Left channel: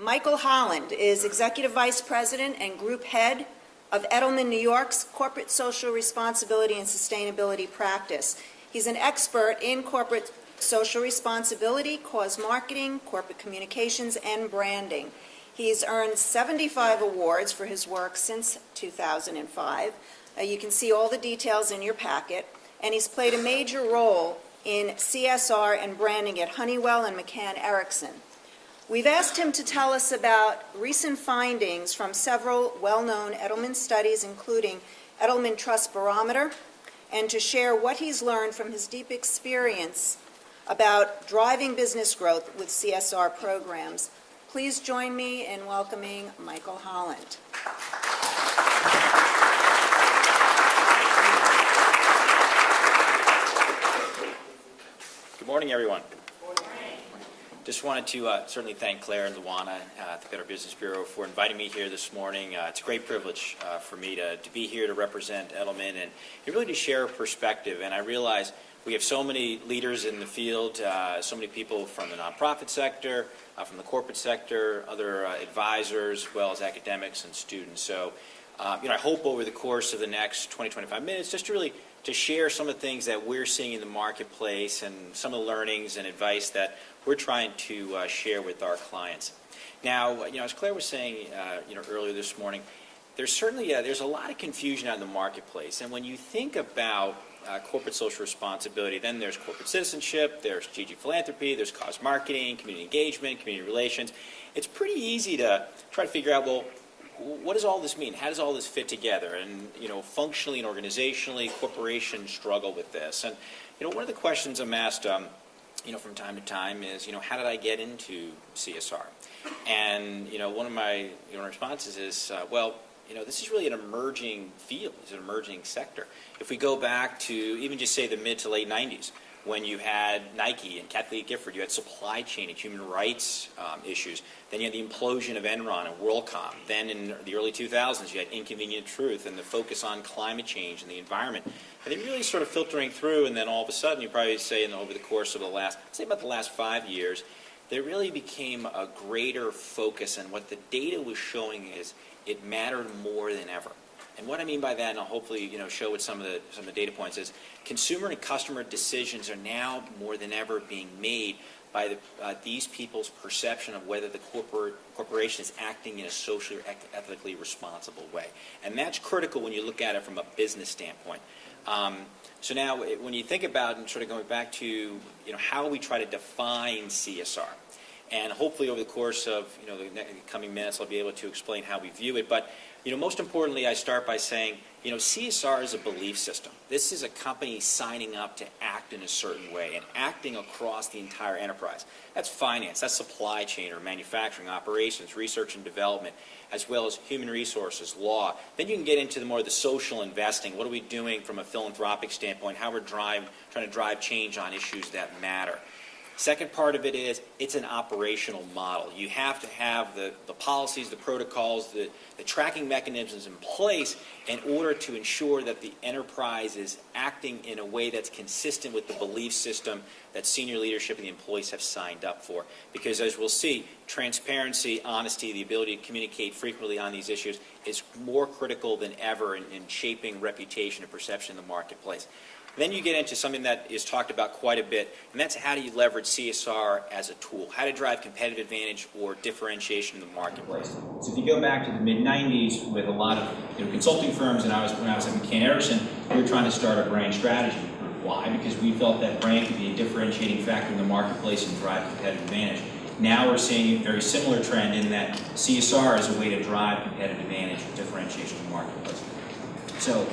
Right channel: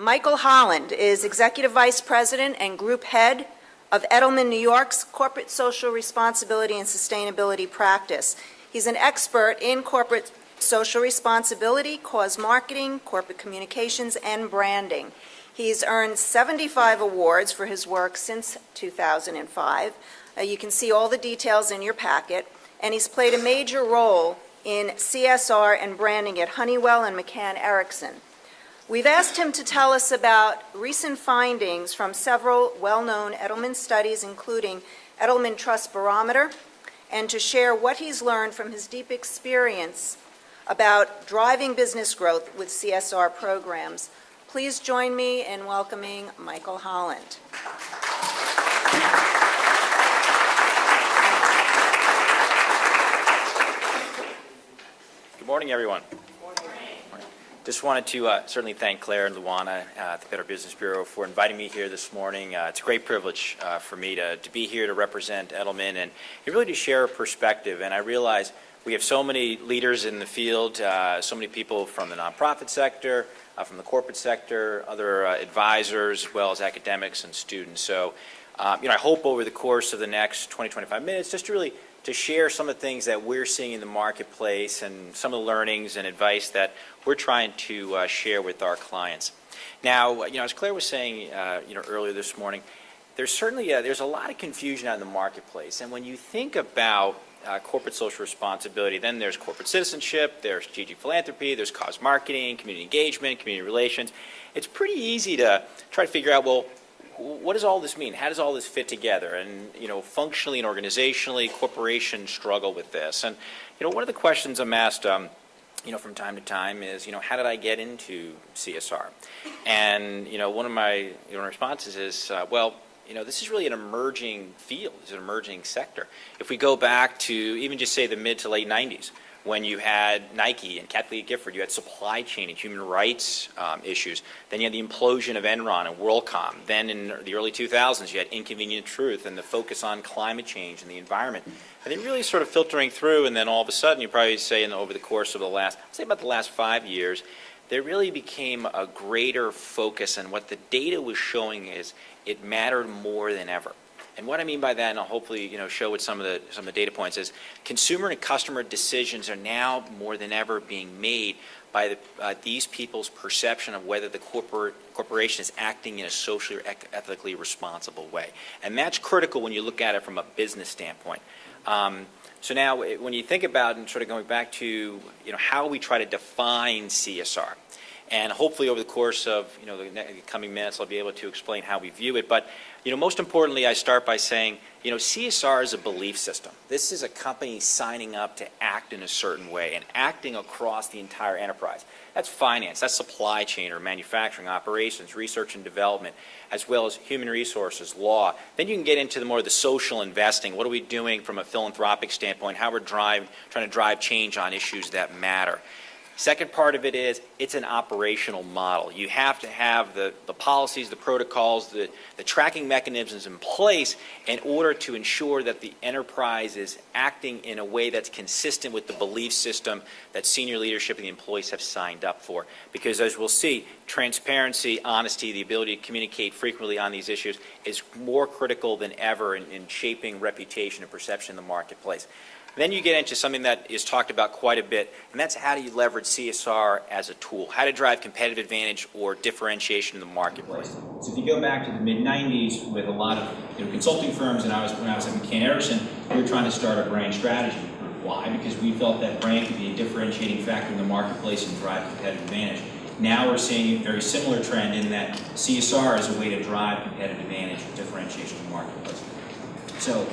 Michael Holland is Executive Vice President and Group Head of Edelman New York's Corporate Social Responsibility and Sustainability Practice. He's an expert in corporate social responsibility, cause marketing, corporate communications, and branding. He's earned 75 awards for his work since 2005. You can see all the details in your packet, and he's played a major role in CSR and branding at Honeywell and McCann Erickson. We've asked him to tell us about recent findings from several well-known Edelman studies, including Edelman Trust Barometer, and to share what he's learned from his deep experience about driving business growth with CSR programs. Please join me in welcoming Michael Holland. Good morning, everyone. Just wanted to certainly thank Claire and Luana at the Better Business Bureau for inviting me here this morning. It's a great privilege for me to be here to represent Edelman and really to share a perspective. And I realize we have so many leaders in the field, so many people from the nonprofit sector, from the corporate sector, other advisors, as well as academics and students. So, I hope over the course of the next 20-25 minutes just to share some of the things that we're seeing in the marketplace and some of the learnings and advice that we're trying to share with our clients. Now, as Claire was saying, earlier this morning, there's certainly there's a lot of confusion out in the marketplace. And when you think about corporate social responsibility, then there's corporate citizenship, there's strategic philanthropy, there's cause marketing, community engagement, community relations. It's pretty easy to try to figure out, well, what does all this mean? How does all this fit together? And, functionally and organizationally, corporations struggle with this. And, one of the questions I'm asked, from time to time is, how did I get into CSR? And, one of my responses is, this is really an emerging field. It's an emerging sector. If we go back to even just say the mid to late 90s, when you had Nike and Kathleen Gifford, you had supply chain and human rights issues. Then you had the implosion of Enron and WorldCom. Then in the early 2000s, you had Inconvenient Truth and the focus on climate change and the environment. And then really sort of filtering through, and then all of a sudden, you probably say over the course of the last 5 years, there really became a greater focus, and what the data was showing is it mattered more than ever. And what I mean by that, and I'll hopefully show with some of the data points, is consumer and customer decisions are now more than ever being made by these people's perception of whether the corporation is acting in a socially or ethically responsible way. And that's critical when you look at it from a business standpoint. So now, when you think about and sort of going back to how we try to define CSR, and hopefully over the course of the coming minutes, I'll be able to explain how we view it. But most importantly, I start by saying CSR is a belief system. This is a company signing up to act in a certain way and acting across the entire enterprise. That's finance, that's supply chain or manufacturing operations, research and development, as well as human resources, law. Then you can get into the social investing. What are we doing from a philanthropic standpoint? How we're trying to drive change on issues that matter. Second part of it is it's an operational model. You have to have the policies, the protocols, the tracking mechanisms in place in order to ensure that the enterprise is acting in a way that's consistent with the belief system that senior leadership and the employees have signed up for. Because as we'll see, transparency, honesty, the ability to communicate frequently on these issues is more critical than ever in shaping reputation and perception in the marketplace. Then you get into something that is talked about quite a bit, and that's how do you leverage CSR as a tool, how to drive competitive advantage or differentiation in the marketplace. So if you go back to the mid-90s with a lot of consulting firms, and when I was at McCann Erickson, we were trying to start a brand strategy. Why? Because we felt that brand could be a differentiating factor in the marketplace and drive competitive advantage. Now we're seeing a very similar trend in that CSR is a way to drive competitive advantage or differentiation in the marketplace. So,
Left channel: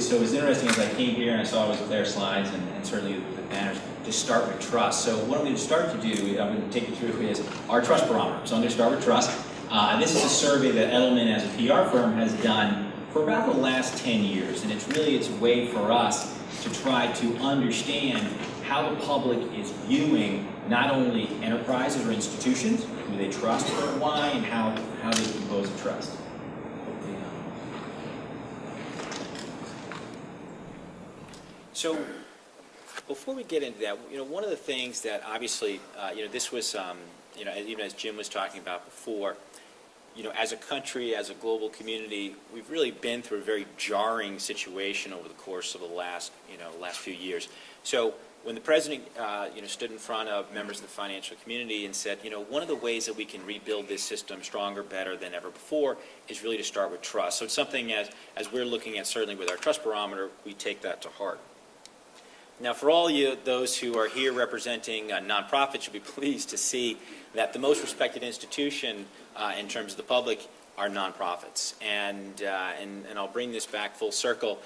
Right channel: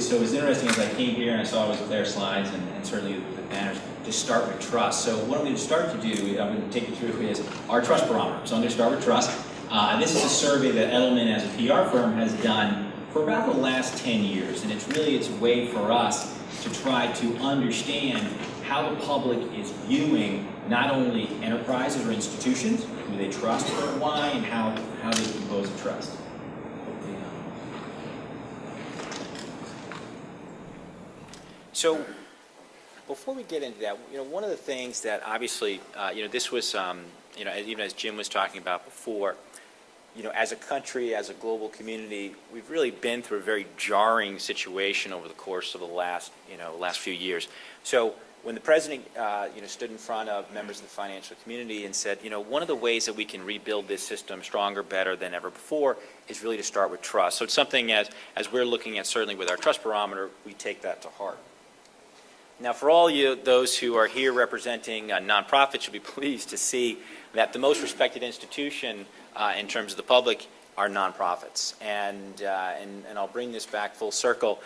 so it was interesting as I came here and I saw Claire's slides and certainly the banners to start with trust. So what I'm going to start to do, I'm going to take you through is our trust barometer. So I'm going to start with trust. This is a survey that Edelman as a PR firm has done for about the last 10 years. And it's a way for us to try to understand how the public is viewing not only enterprises or institutions, who they trust or why, and how they compose a trust. So before we get into that, one of the things that obviously, this was even as Jim was talking about before, as a country, as a global community, we've really been through a very jarring situation over the course of the last few years. So when the president, stood in front of members of the financial community and said, one of the ways that we can rebuild this system stronger, better than ever before is really to start with trust. So it's something as we're looking at, certainly with our trust barometer, we take that to heart. Now, for all those who are here representing nonprofits, you'll be pleased to see that the most respected institution in terms of the public are nonprofits. And I'll bring this back full circle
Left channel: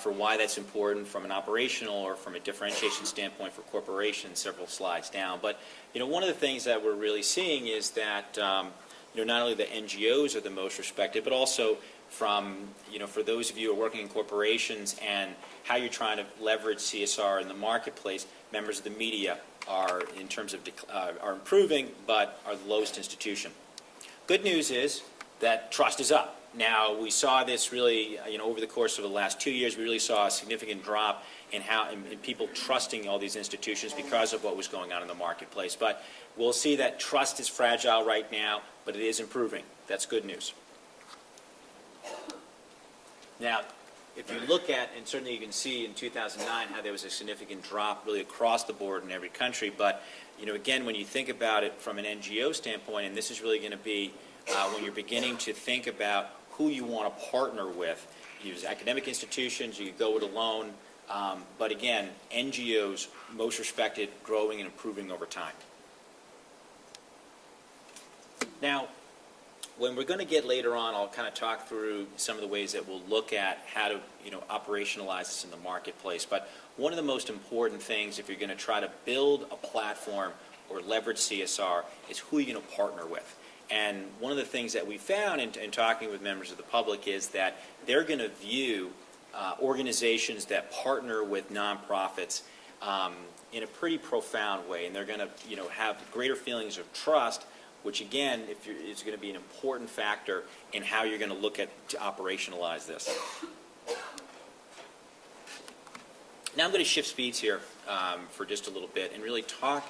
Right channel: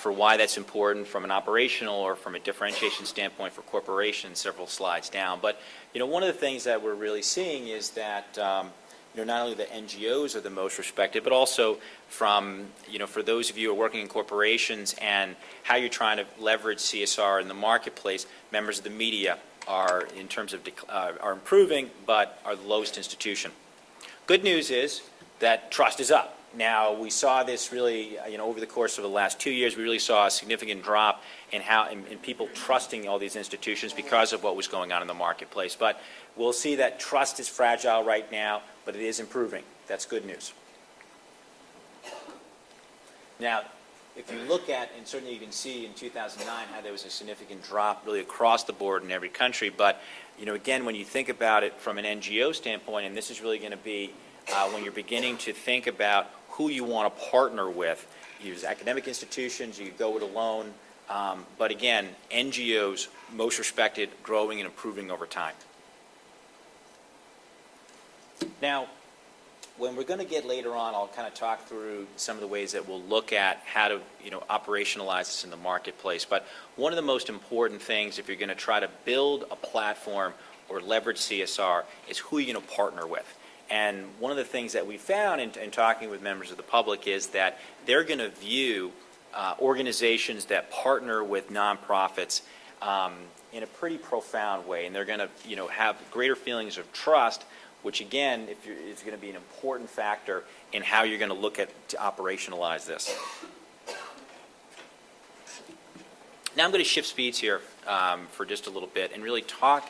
for why that's important from an operational or from a differentiation standpoint for corporations several slides down. But, one of the things that we're really seeing is that, not only the NGOs are the most respected, but also from, for those of you who are working in corporations and how you're trying to leverage CSR in the marketplace, members of the media are, in terms of, are improving, but are the lowest institution. Good news is that trust is up. Now, we saw this really, over the course of the last 2 years, we really saw a significant drop in in people trusting all these institutions because of what was going on in the marketplace. But we'll see that trust is fragile right now, but it is improving. That's good news. Now, if you look at, and certainly you can see in 2009 how there was a significant drop really across the board in every country, but, again, when you think about it from an NGO standpoint, and this is really going to be when you're beginning to think about who you want to partner with, use academic institutions, you go it alone, but again, NGOs, most respected, growing and improving over time. Now, when we're going to get later on, I'll kind of talk through some of the ways that we'll look at how to, operationalize this in the marketplace. But one of the most important things, if you're going to try to build a platform or leverage CSR, is who you're going to partner with. And one of the things that we found in talking with members of the public is that they're going to view organizations that partner with nonprofits in a pretty profound way, and they're going to, have greater feelings of trust, which again, is going to be an important factor in how you're going to look at to operationalize this. Now I'm going to shift speeds here for just a little bit and really talk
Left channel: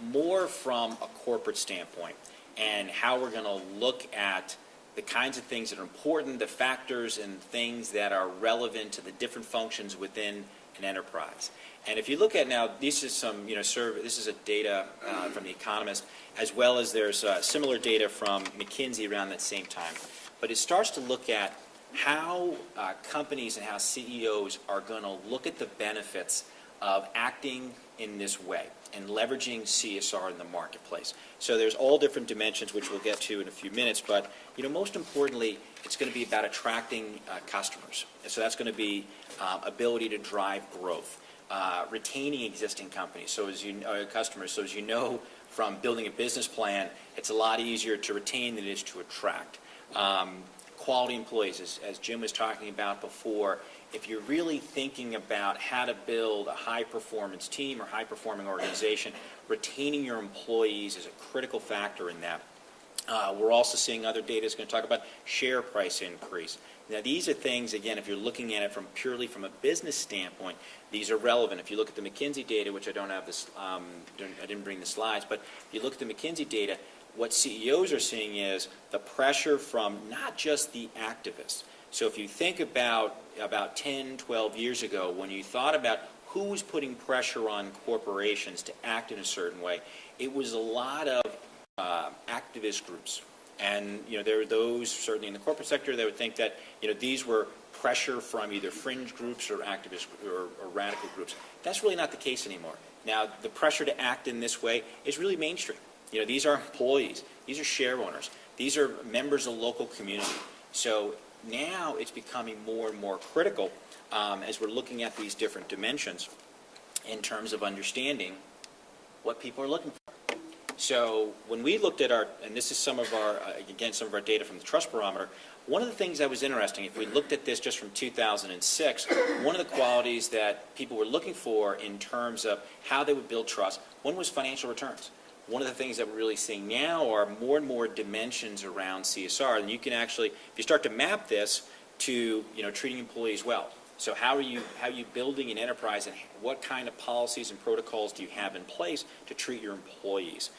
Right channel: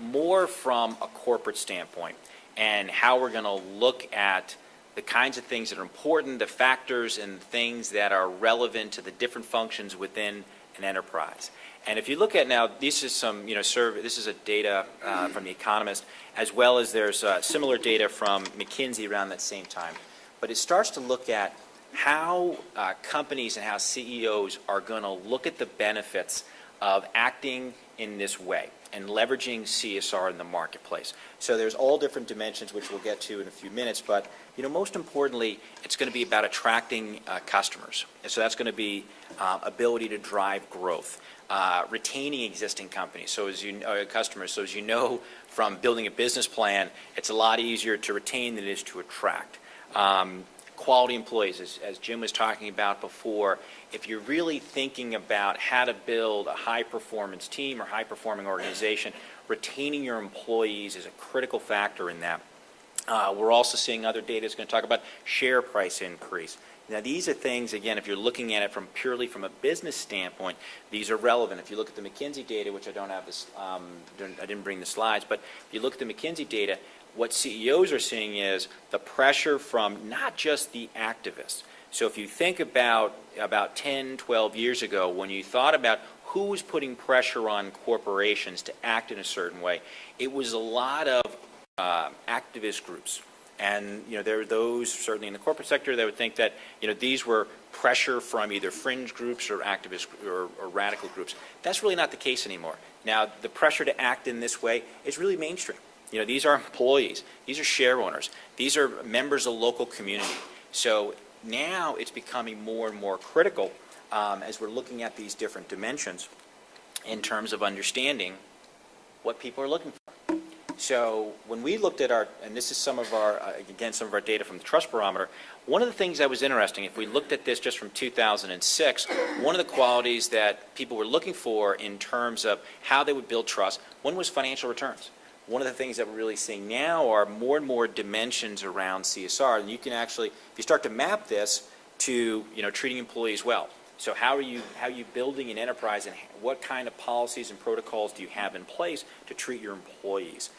more from a corporate standpoint and how we're going to look at the kinds of things that are important, the factors and things that are relevant to the different functions within an enterprise. And if you look at now, this is some, this is a data from The Economist, as well as there's similar data from McKinsey around that same time. But it starts to look at how companies and how CEOs are going to look at the benefits of acting in this way and leveraging CSR in the marketplace. So there's all different dimensions, which we'll get to in a few minutes, but most importantly, it's going to be about attracting customers. And so that's going to be ability to drive growth, retaining existing companies, so as customers. So as you know from building a business plan, it's a lot easier to retain than it is to attract. Quality employees, as Jim was talking about before. If you're really thinking about how to build a high-performance team or high-performing organization, retaining your employees is a critical factor in that. We're also seeing other data is going to talk about share price increase. Now, these are things, again, if you're looking at it purely from a business standpoint, these are relevant. If you look at the McKinsey data, which I don't have this, I didn't bring the slides, but if you look at the McKinsey data, what CEOs are seeing is the pressure from not just the activists. So if you think about 10, 12 years ago, when you thought about who was putting pressure on corporations to act in a certain way, it was a lot of activist groups. And, there are those, certainly in the corporate sector, that would think that, these were pressure from either fringe groups or activist or radical groups. That's really not the case anymore. Now, the pressure to act in this way is really mainstream. These are employees. These are share owners. These are members of local community. So now it's becoming more and more critical as we're looking at these different dimensions in terms of understanding what people are looking for. So when we looked at and this is some of our data from the Trust Barometer, one of the things that was interesting, if we looked at this just from 2006, one of the qualities that people were looking for in terms of how they would build trust, one was financial returns. One of the things that we're really seeing now are more and more dimensions around CSR, and you can actually, if you start to map this to, treating employees well, So how are you building an enterprise, and what kind of policies and protocols do you have in place to treat your employees?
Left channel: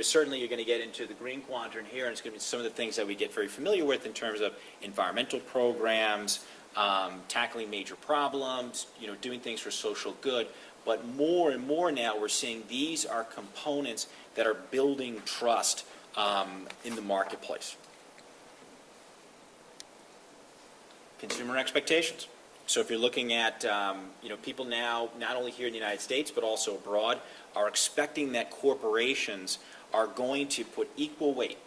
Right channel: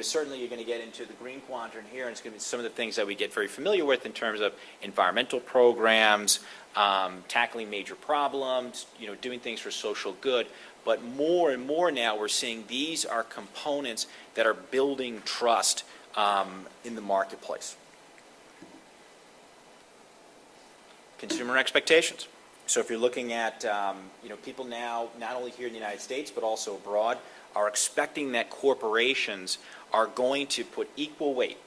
Certainly you're going to get into the green quadrant here, and it's going to be some of the things that we get very familiar with in terms of environmental programs, tackling major problems, doing things for social good. But more and more now we're seeing these are components that are building trust in the marketplace. Consumer expectations. So if you're looking at, people now, not only here in the United States, but also abroad, are expecting that corporations are going to put equal weight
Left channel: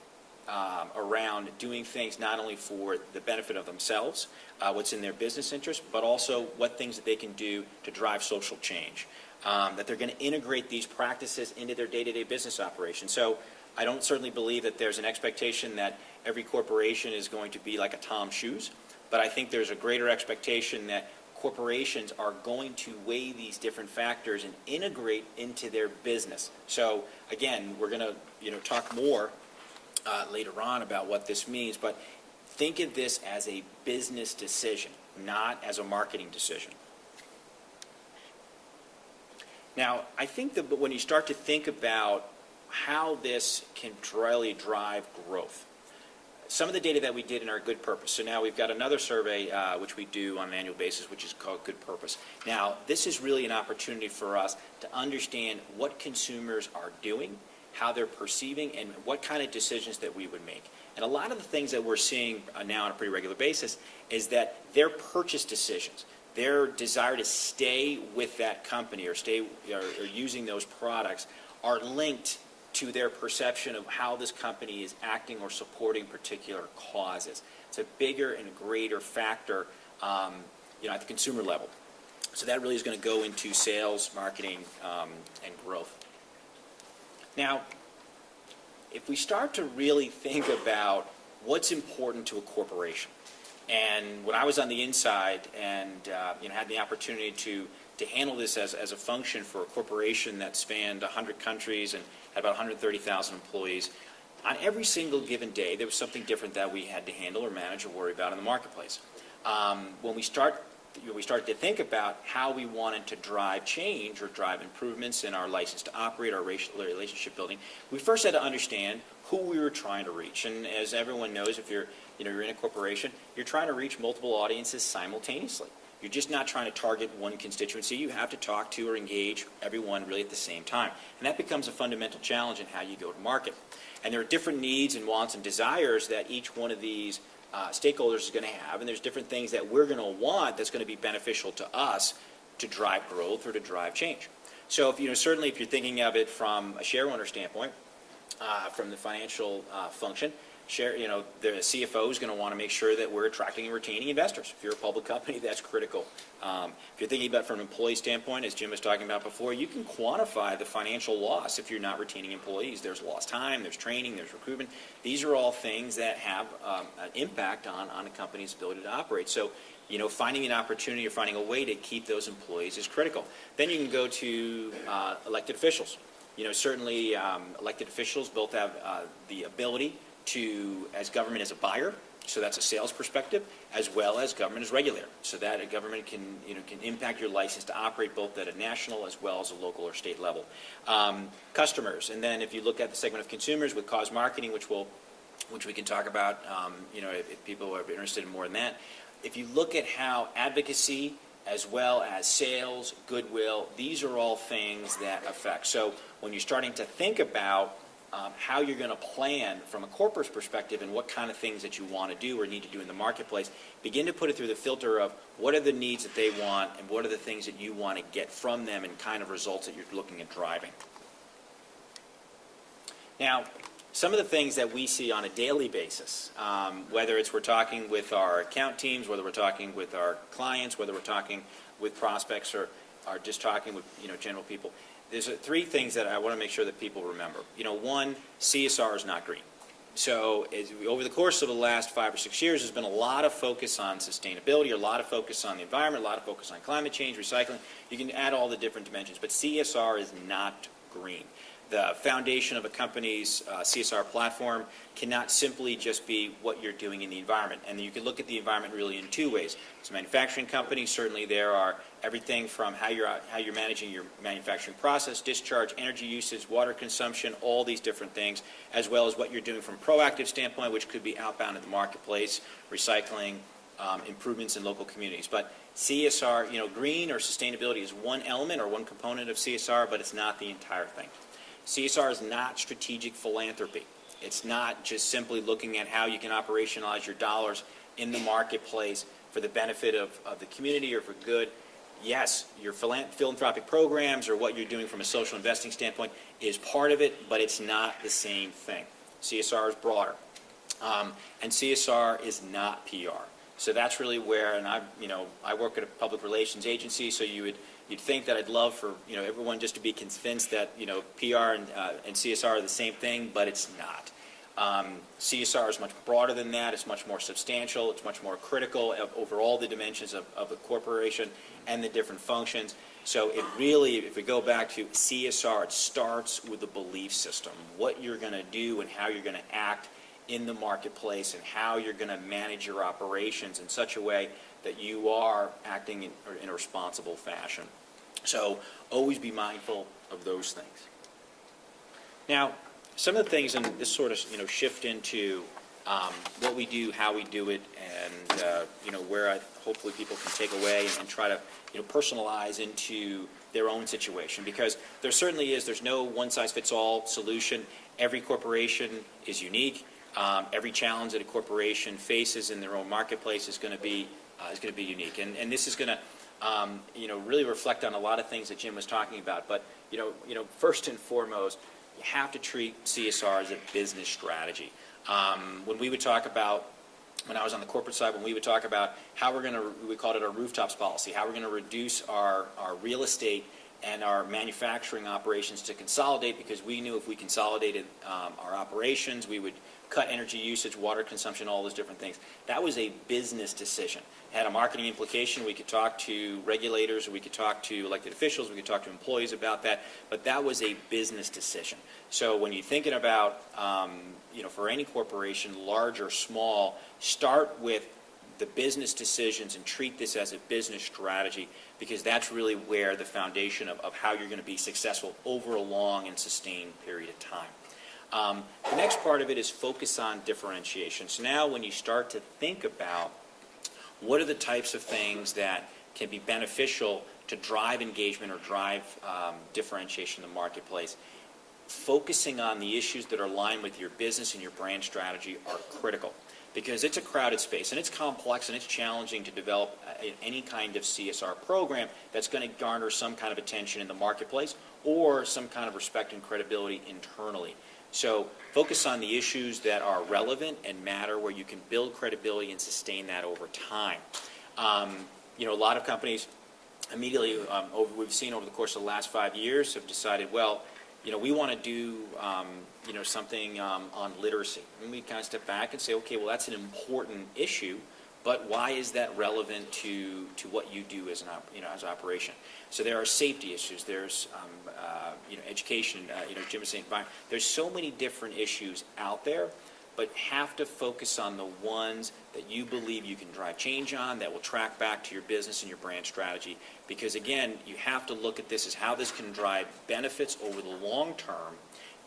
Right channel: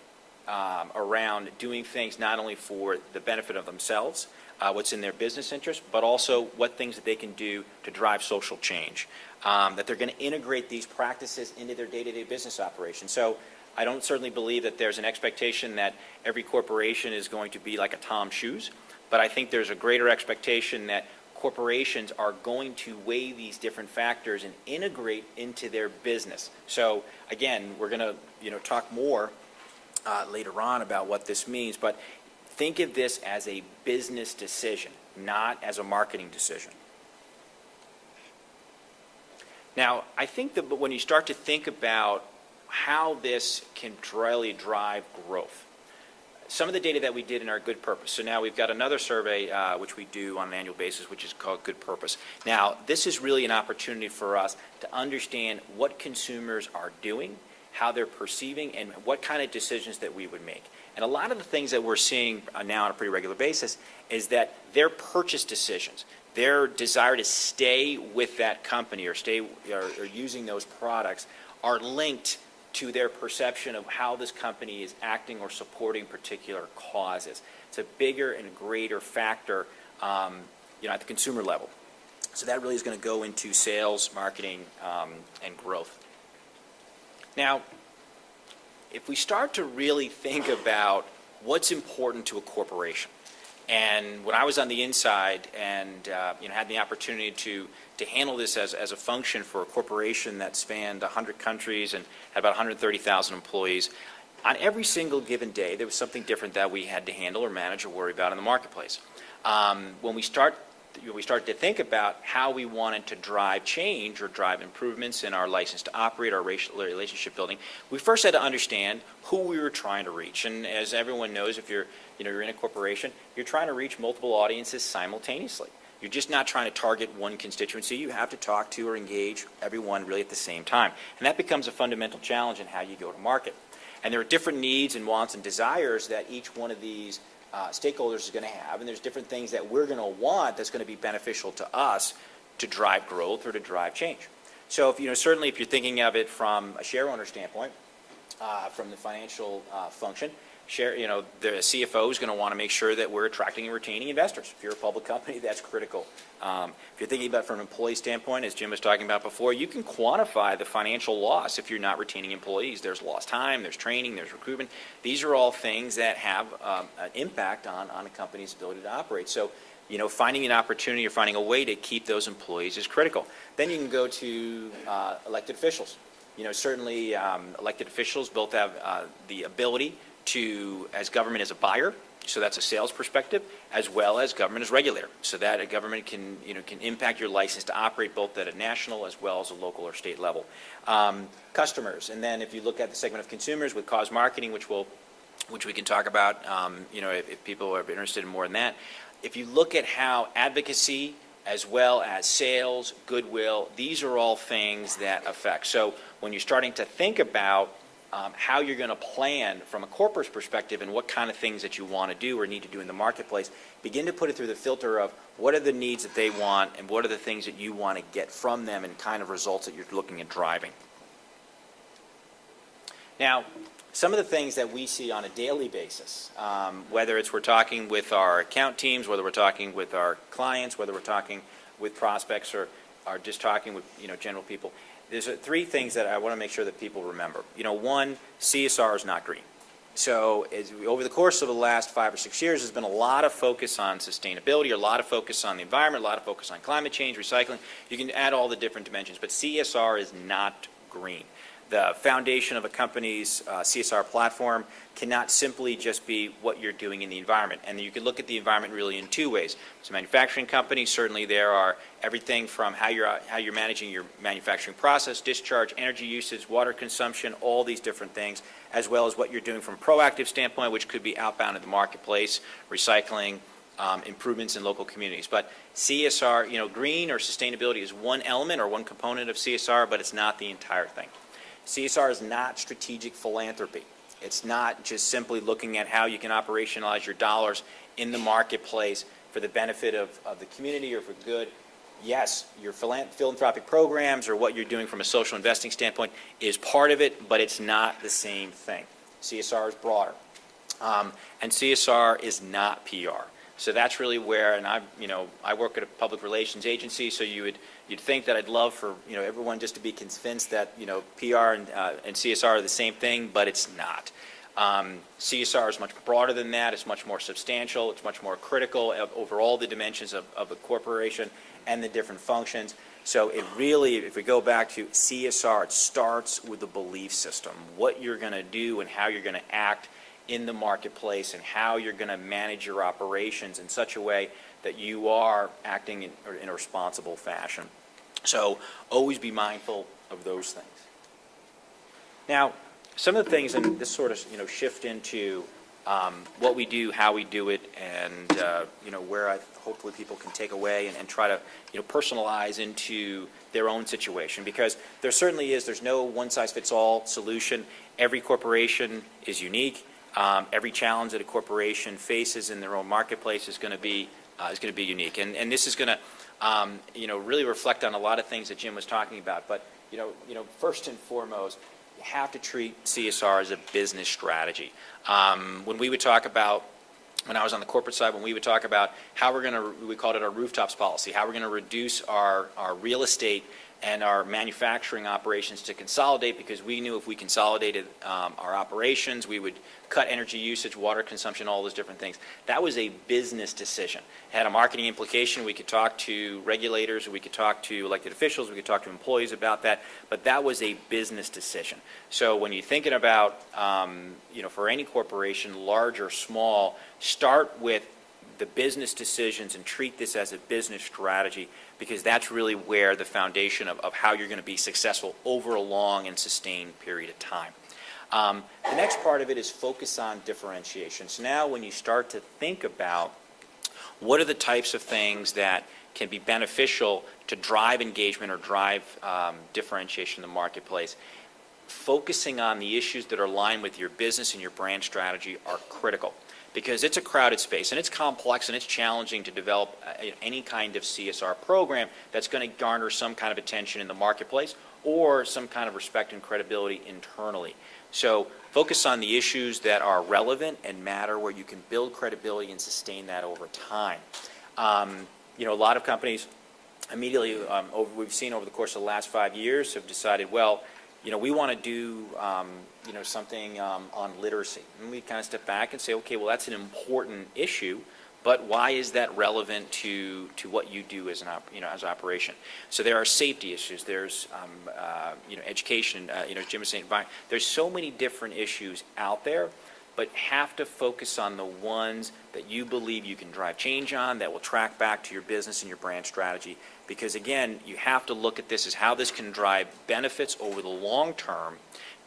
around doing things not only for the benefit of themselves, what's in their business interest, but also what things that they can do to drive social change. That they're going to integrate these practices into their day-to-day business operations. So I don't certainly believe that there's an expectation that every corporation is going to be like a Tom Shoes, but I think there's a greater expectation that corporations are going to weigh these different factors and integrate into their business. So again, we're going to talk more later on about what this means, but think of this as a business decision, not as a marketing decision. Now, I think that when you start to think about how this can really drive growth, some of the data that we did in our Good Purpose. So now we've got another survey which we do on an annual basis, which is called Good Purpose. Now, this is really an opportunity for us to understand what consumers are doing, how they're perceiving, and what kind of decisions that we would make. And a lot of the things that we're seeing now on a pretty regular basis is that their purchase decisions, their desire to stay with that company or using those products, are linked to their perception of how this company is acting or supporting particular causes. It's a bigger and greater factor, at the consumer level. So that really is going to go into sales, marketing, and growth. Now, if we start to really think about what's important to a corporation, and when I was on the inside and had the opportunity to handle this as a function for a corporation that spanned 100 countries and had about 130,000 employees, on every single given day there was something different that we had to handle or manage or worry about in the marketplace. When we started to think about how we wanted to drive change or drive improvements in our license to operate, our relationship building, we first had to understand who we were trying to reach. And as everyone knows, if you're in a corporation, you're trying to reach multiple audiences simultaneously. You're just not trying to target one constituency. You have to talk to or engage everyone really at the same time. And that becomes a fundamental challenge in how you go to market. And there are different needs and wants and desires that each one of these stakeholders is going to have, and there's different things that we're going to want that's going to be beneficial to us to drive growth or to drive change. So certainly if you're thinking of it from a share owner standpoint, from the financial function, the CFO is going to want to make sure that we're attracting and retaining investors. If you're a public company, that's critical. If you're thinking about it from an employee standpoint, as Jim was talking about before, you can quantify the financial loss if you're not retaining employees. There's lost time, there's training, there's recruitment. These are all things that have an impact on a company's ability to operate. So, finding an opportunity or finding a way to keep those employees is critical. Then you can go to elected officials. Certainly elected officials both have the ability to, as government as a buyer, so that's a sales perspective, as well as government as regulator, so that a government can impact your license to operate both at a national as well as a local or state level. Customers, and then if you look at the segment of consumers with cause marketing, which we can talk about, if people are interested in more in that. If you look at how advocacy as well as sales, goodwill, these are all things that affect. So when you're starting to think about how you're going to plan from a corporate perspective and what kind of things that you want to do or need to do in the marketplace, begin to put it through the filter of what are the needs that they want and what are the things that you want to get from them and kind of results that you're looking at driving. Now, some of the things that we see on a daily basis, whether it's we're talking with our account teams, whether we're talking with our clients, whether we're talking with prospects or just talking with general people, there's three things that I want to make sure that people remember. One, CSR is not green. So over the course of the last 5 or 6 years, there's been a lot of focus on sustainability, a lot of focus on the environment, a lot of focus on climate change, recycling. You can add all the different dimensions, but CSR is not green. the foundation of a company's CSR platform cannot simply just be what you're doing in the environment. And you can look at the environment really in two ways. So manufacturing companies, certainly there are everything from how you're managing your manufacturing process, discharge, energy usage, water consumption, all these different things, as well as what you're doing from a proactive standpoint, which could be outbound in the marketplace, recycling, improvements in local communities. But CSR, green or sustainability is one element or one component of CSR, but it's not the entire thing. CSR is not strategic philanthropy. It's not just simply looking at how you can operationalize your dollars in the marketplace for the benefit of the community or for good. Yes, your philanthropic programs or what you're doing from a social investing standpoint is part of it, but it's not the same thing. CSR is broader. And CSR is not PR. So that's really where, and I work at a public relations agency, so you'd think that I'd love for everyone just to be convinced that PR and CSR are the same thing, but it's not. CSR is much broader than that. It's much more substantial. It's much more critical over all the dimensions of a corporation and the different functions. So it really, if we go back to CSR, it starts with the belief system, what you're going to do and how you're going to act in the marketplace and how you're going to manage your operations in such a way that you are acting in a responsible fashion. So always be mindful of those things. Now, some of the things, and this sort of shift into what we do, how we do it, and where hopefully people can take away and try to personalize into their own situation, because there certainly is. There's no one-size-fits-all solution. Every corporation is unique. Every challenge that a corporation faces in their own marketplace is going to be unique, and this is going to really reflect on a lot of things that Jim was talking about. But first and foremost, you have to treat CSR as a business strategy. When we would talk about, when I was on the corporate side, when we would talk about how we called it our rooftops policy, how we're going to reduce our real estate and our manufacturing operations to consolidate, because we knew if we consolidated our operations, we would cut energy usage, water consumption, all those different things. That was a business decision. It had a marketing implication. We could talk to regulators, we could talk to elected officials, we could talk to employees about that, but that was a business decision. So when you're thinking about, for any corporation, large or small, start with the business decisions and treat this as a business strategy, because that's really where the foundation of how you're going to be successful over a long and sustained period of time. The next part of it is focus on differentiation. So now when you start to think about what are the types of things that can be beneficial to drive engagement or drive differentiation in the marketplace, focusing on the issues that are aligned with your business and your brand strategy are critical. Because it's a crowded space, and it's complex, and it's challenging to develop any kind of CSR program that's going to garner some kind of attention in the marketplace or some kind of respect and credibility internally. So focus on the issues that are relevant and matter, where you can build credibility and sustain that over time. A lot of companies immediately, we've seen over the course of the last 5 years, have decided, well, we want to do something on literacy. And we kind of step back and say, okay, well, that's an important issue, but why is that relevant to what you do as an operation? So there are safety issues. There's education. Jim was saying, there's so many different issues out there, but have to focus on the ones that you believe you can drive change on, that will track back to your business and your brand strategy. Because again, you have to look at this as how this can drive benefits over the long term,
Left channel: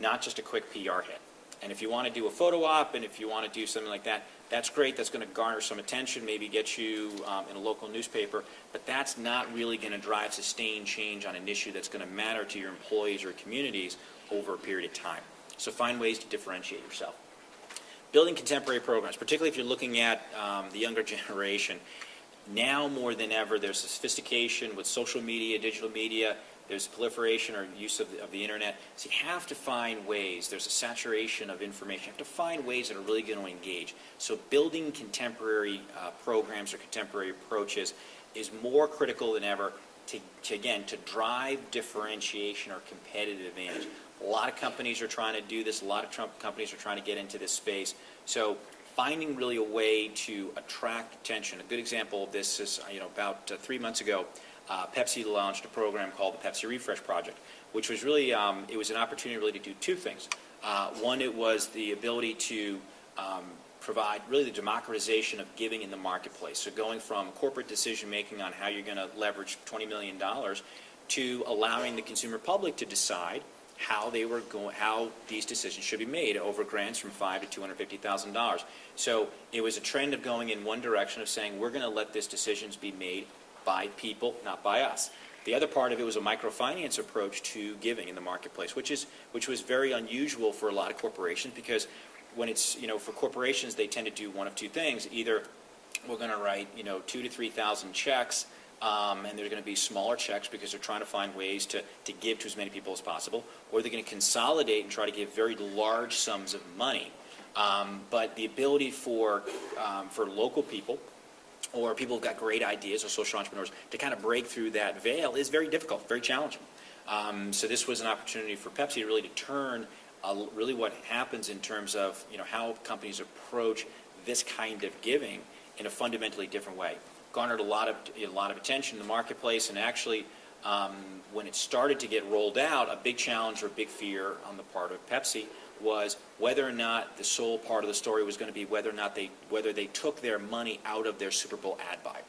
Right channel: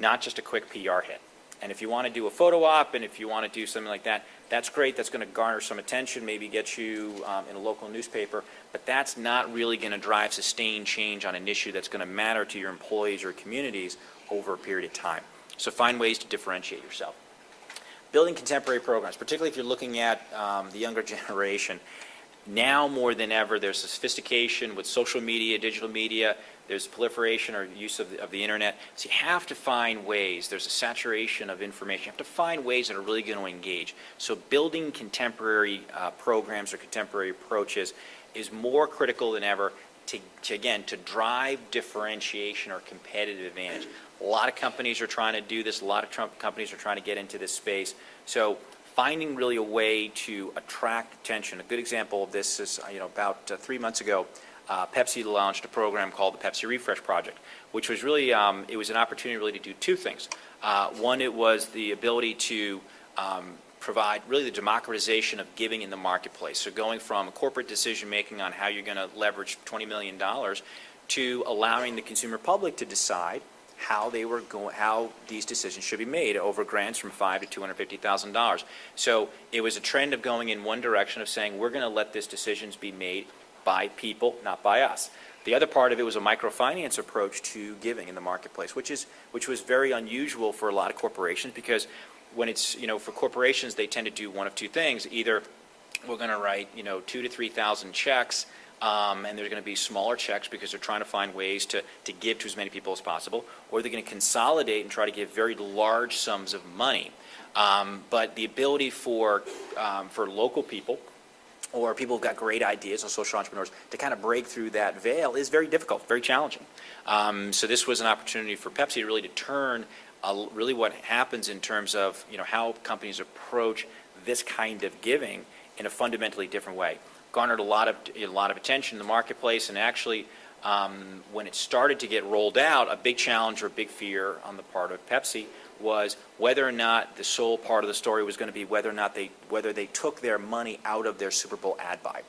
not just a quick PR hit. And if you want to do a photo op, and if you want to do something like that, that's great. That's going to garner some attention, maybe get you in a local newspaper, but that's not really going to drive sustained change on an issue that's going to matter to your employees or communities over a period of time. So find ways to differentiate yourself. Building contemporary programs, particularly if you're looking at the younger generation. Now more than ever, there's sophistication with social media, digital media. There's proliferation or use of the internet. So you have to find ways. There's a saturation of information. You have to find ways that are really going to engage. So building contemporary programs or contemporary approaches is more critical than ever to drive differentiation or competitive advantage. A lot of companies are trying to do this. A lot of companies are trying to get into this space. So finding really a way to attract attention. A good example of this is, about 3 months ago, Pepsi launched a program called the Pepsi Refresh Project, which was really, it was an opportunity really to do two things. One, it was the ability to provide really the democratization of giving in the marketplace. So going from corporate decision-making on how you're going to leverage $20 million to allowing the consumer public to decide how these decisions should be made over grants from $5,000 to $250,000. So it was a trend of going in one direction of saying we're going to let these decisions be made by people, not by us. The other part of it was a microfinance approach to giving in the marketplace, which was very unusual for a lot of corporations, because when it's, for corporations, they tend to do one of two things. Either we're going to write, 2,000 to 3,000 checks, and there's going to be smaller checks because they're trying to find ways to give to as many people as possible, or they're going to consolidate and try to give very large sums of money. But the ability for local people or people who've got great ideas, or social entrepreneurs, to kind of break through that veil is very difficult, very challenging. So this was an opportunity for Pepsi to really turn really what happens in terms of how companies approach this kind of giving in a fundamentally different way. Garnered a lot of attention in the marketplace, and actually when it started to get rolled out, a big challenge or a big fear on the part of Pepsi was whether or not the sole part of the story was going to be whether they took their money out of their Super Bowl ad buy.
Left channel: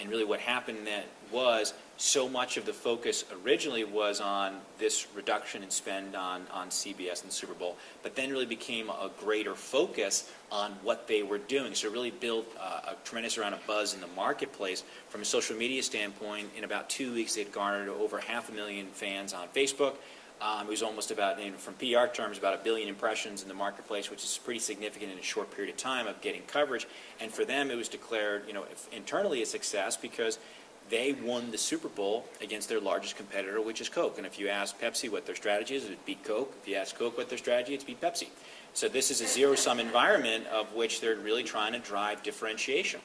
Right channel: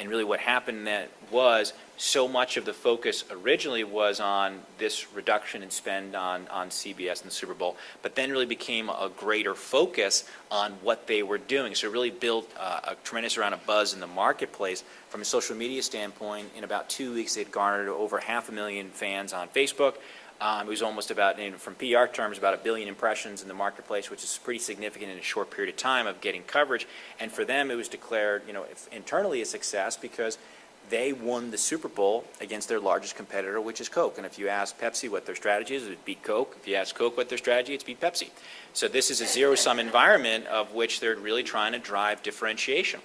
And really what happened then was so much of the focus originally was on this reduction in spend on CBS and the Super Bowl, but then really became a greater focus on what they were doing. So it really built a tremendous amount of buzz in the marketplace. From a social media standpoint, in about 2 weeks, they'd garnered over 500,000 fans on Facebook. It was almost about, from PR terms, about 1 billion impressions in the marketplace, which is pretty significant in a short period of time of getting coverage. And for them, it was declared, internally a success because they won the Super Bowl against their largest competitor, which is Coke. And if you ask Pepsi what their strategy is, it would beat Coke. If you ask Coke what their strategy is, it's beat Pepsi. So this is a zero-sum environment of which they're really trying to drive differentiation.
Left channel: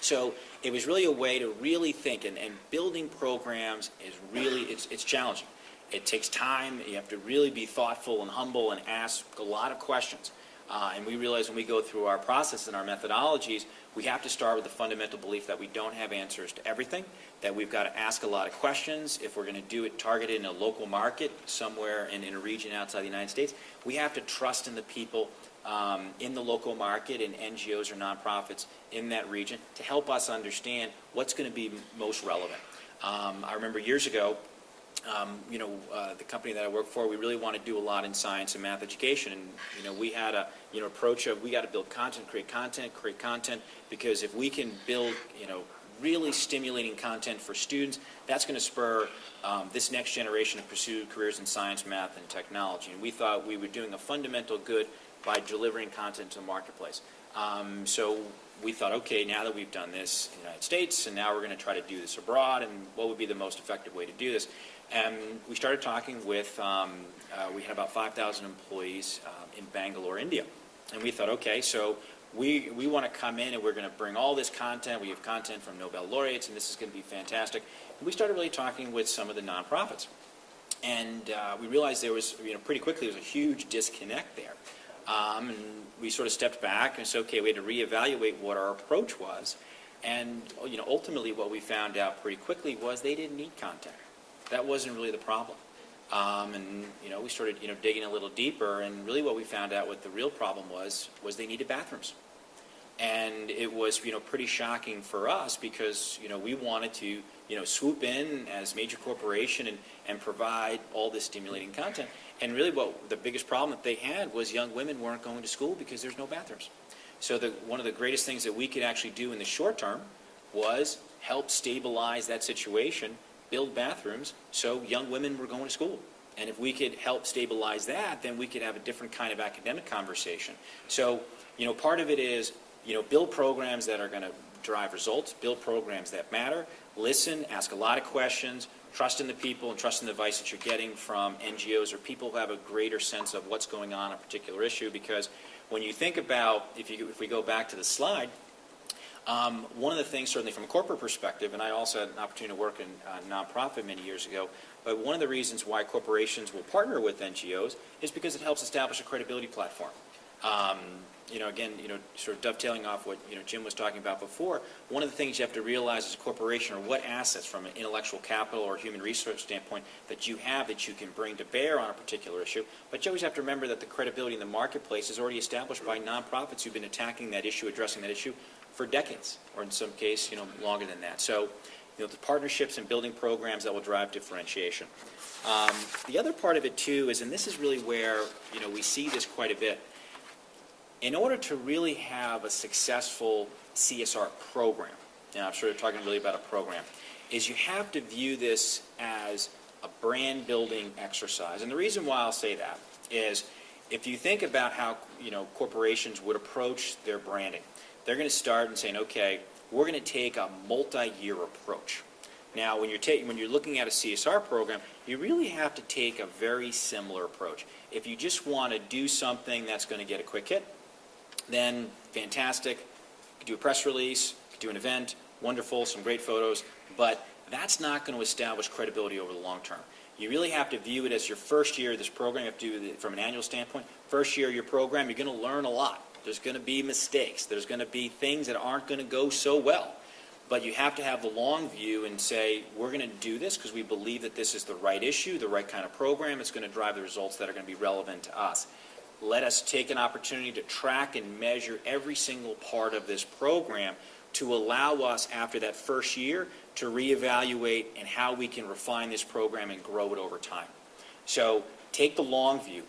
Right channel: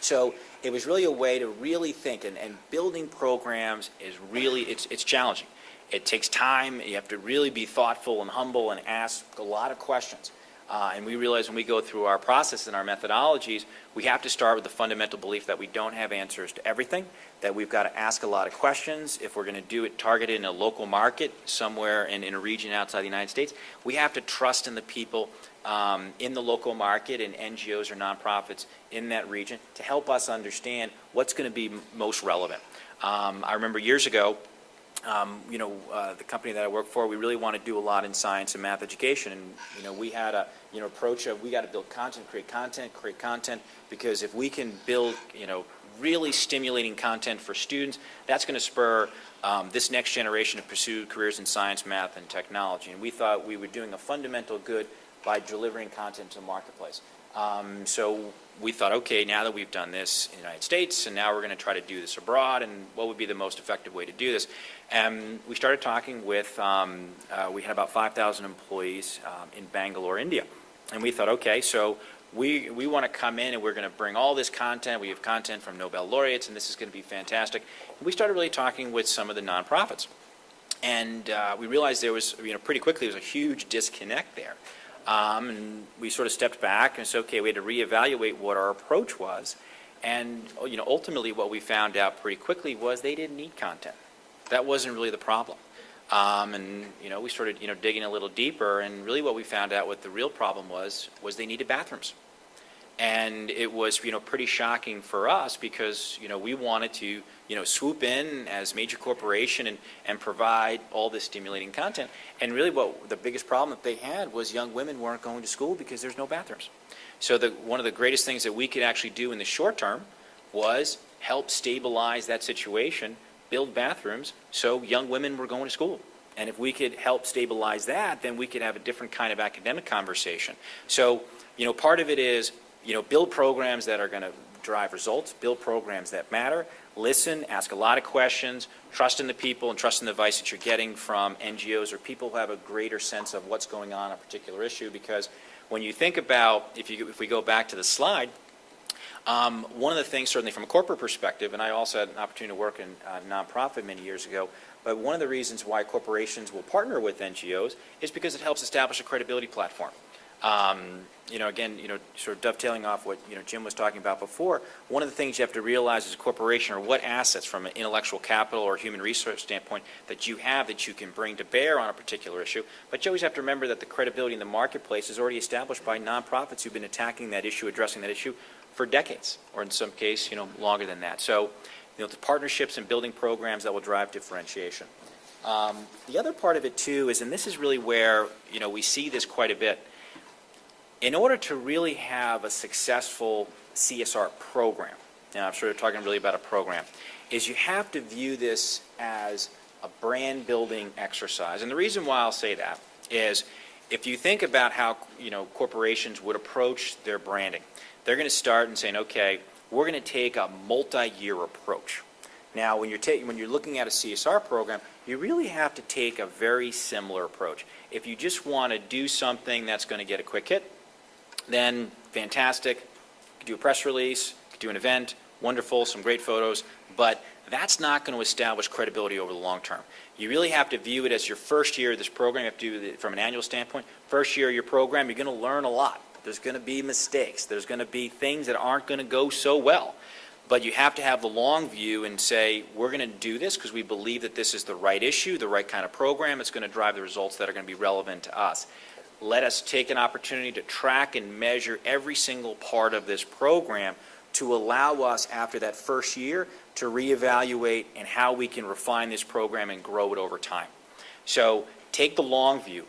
So it was really a way to really think, and building programs is really, it's challenging. It takes time. You have to really be thoughtful and humble and ask a lot of questions. And we realize when we go through our process and our methodologies, we have to start with the fundamental belief that we don't have answers to everything, that we've got to ask a lot of questions. If we're going to do it targeted in a local market somewhere in a region outside the United States, we have to trust in the people in the local market and NGOs or nonprofits in that region to help us understand what's going to be most relevant. I remember years ago, the company that I work for, we really want to do a lot in science and math education. And, we had a, approach of we got to build content, create content, because if we can build, really stimulating content for students, that's going to spur this next generation to pursue careers in science, math, and technology. And we thought we were doing a fundamental good by delivering content to the marketplace. So we thought, okay, now that we've done this in the United States, and now we're going to try to do this abroad, and what would be the most effective way to do this? And we started talking with, we had about 5,000 employees in Bangalore, India. And we thought, okay, so we want to come in and we're going to bring all this content. We have content from Nobel laureates, and this is going to be fantastic. And we started really talking with some of the nonprofits. And we realized there was, pretty quickly, there was a huge disconnect there. And we sort of stepped back and said, okay, we had to reevaluate what our approach was. And, ultimately what we found out pretty quickly was they didn't need content. That wasn't really the problem. And, we started, digging a little deeper, and really what we found out what the real problem was they needed bathrooms. And it was, pretty shocking for us because, we wanted to, swoop in as major corporation and provide all this stimulating content. And really what the biggest problem that they had was young women weren't going to school because there's no bathrooms. So one of the greatest things that we could actually do in the short term was help stabilize that situation, build bathrooms so young women were going to school. And if we could help stabilize that, then we could have a different kind of academic conversation. So, part of it is, build programs that are going to drive results, build programs that matter, listen, ask a lot of questions, trust in the people and trust in the advice that you're getting from NGOs or people who have a greater sense of what's going on a particular issue. Because when you think about, if we go back to the slide, one of the things, certainly from a corporate perspective, and I also had an opportunity to work in a nonprofit many years ago, but one of the reasons why corporations will partner with NGOs is because it helps establish a credibility platform. Again, sort of dovetailing off what, Jim was talking about before, one of the things you have to realize as a corporation are what assets from an intellectual capital or human resource standpoint that you have that you can bring to bear on a particular issue. But you always have to remember that the credibility in the marketplace is already established by nonprofits who've been attacking that issue, addressing that issue for decades, or in some case, longer than that. So, the partnerships and building programs that will drive differentiation. The other part of it, too, is, and this is really where, we see this quite a bit, in order to really have a successful CSR program, and I'm sure they're talking really about a program, is you have to view this as a brand building exercise. And the reason why I'll say that is if you think about how, corporations would approach their branding, they're going to start and saying, okay, we're going to take a multi-year approach. Now, when you're looking at a CSR program, you really have to take a very similar approach. If you just want to do something that's going to get a quick hit, then fantastic. You could do a press release, you could do an event, wonderful, some great photos, but that's not going to establish credibility over the long term. You really have to view it as your first year of this program. You have to do it from an annual standpoint. First year of your program, you're going to learn a lot. There's going to be mistakes. There's going to be things that aren't going to go so well. But you have to have the long view and say, we're going to do this because we believe that this is the right issue, the right kind of program. It's going to drive the results that are going to be relevant to us. Let us take an opportunity to track and measure every single part of this program to allow us, after that first year, to reevaluate and how we can refine this program and grow it over time. So take the long view.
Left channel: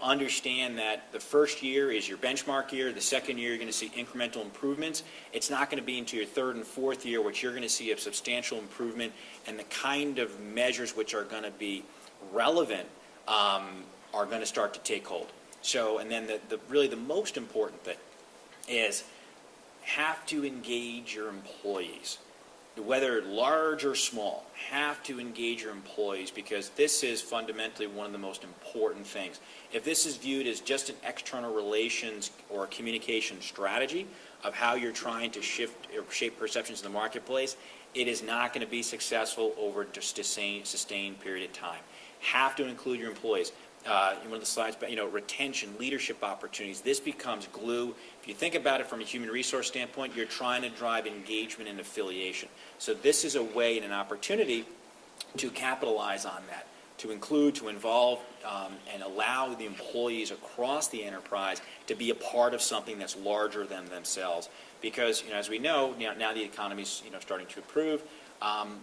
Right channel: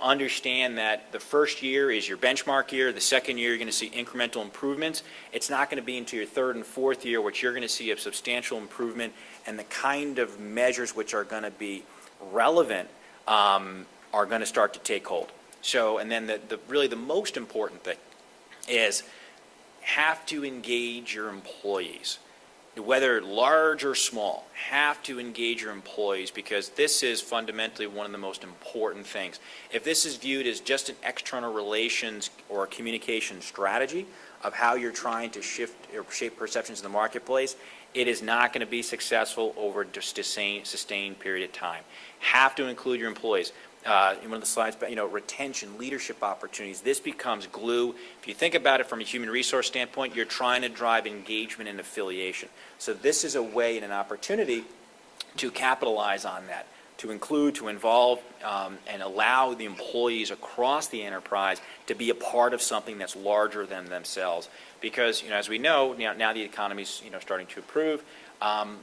Understand that the first year is your benchmark year. The second year, you're going to see incremental improvements. It's not going to be into your third and fourth year which you're going to see a substantial improvement, and the kind of measures which are going to be relevant are going to start to take hold. So, and then really the most important thing is have to engage your employees, whether large or small. Have to engage your employees, because this is fundamentally one of the most important things. If this is viewed as just an external relations or communication strategy of how you're trying to shift or shape perceptions in the marketplace, it is not going to be successful over just a sustained period of time. Have to include your employees. In one of the slides, but retention, leadership opportunities, this becomes glue. If you think about it from a human resource standpoint, you're trying to drive engagement and affiliation. So this is a way and an opportunity to capitalize on that, to include, to involve, and allow the employees across the enterprise to be a part of something that's larger than themselves. Because, as we know, now the economy's starting to improve.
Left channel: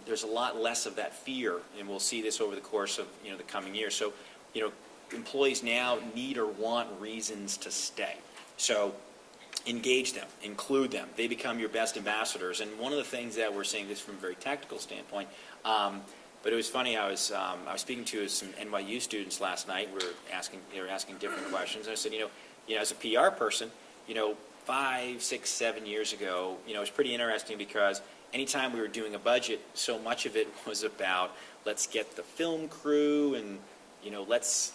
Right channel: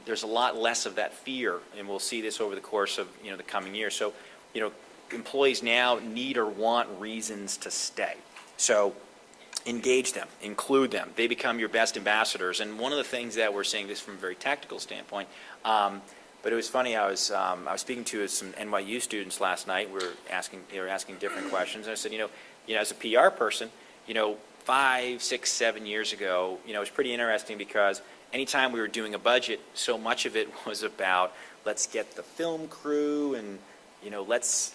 There's a lot less of that fear, and we'll see this over the course of the coming years. So, employees now need or want reasons to stay. So engage them, include them. They become your best ambassadors. And one of the things that we're seeing, this from a very tactical standpoint, but it was funny, I was speaking to some NYU students last night. They were asking different questions. And I said, as a PR person, 5, 6, 7 years ago, it was pretty interesting because anytime we were doing a budget, so much of it was about let's get the film crew and let's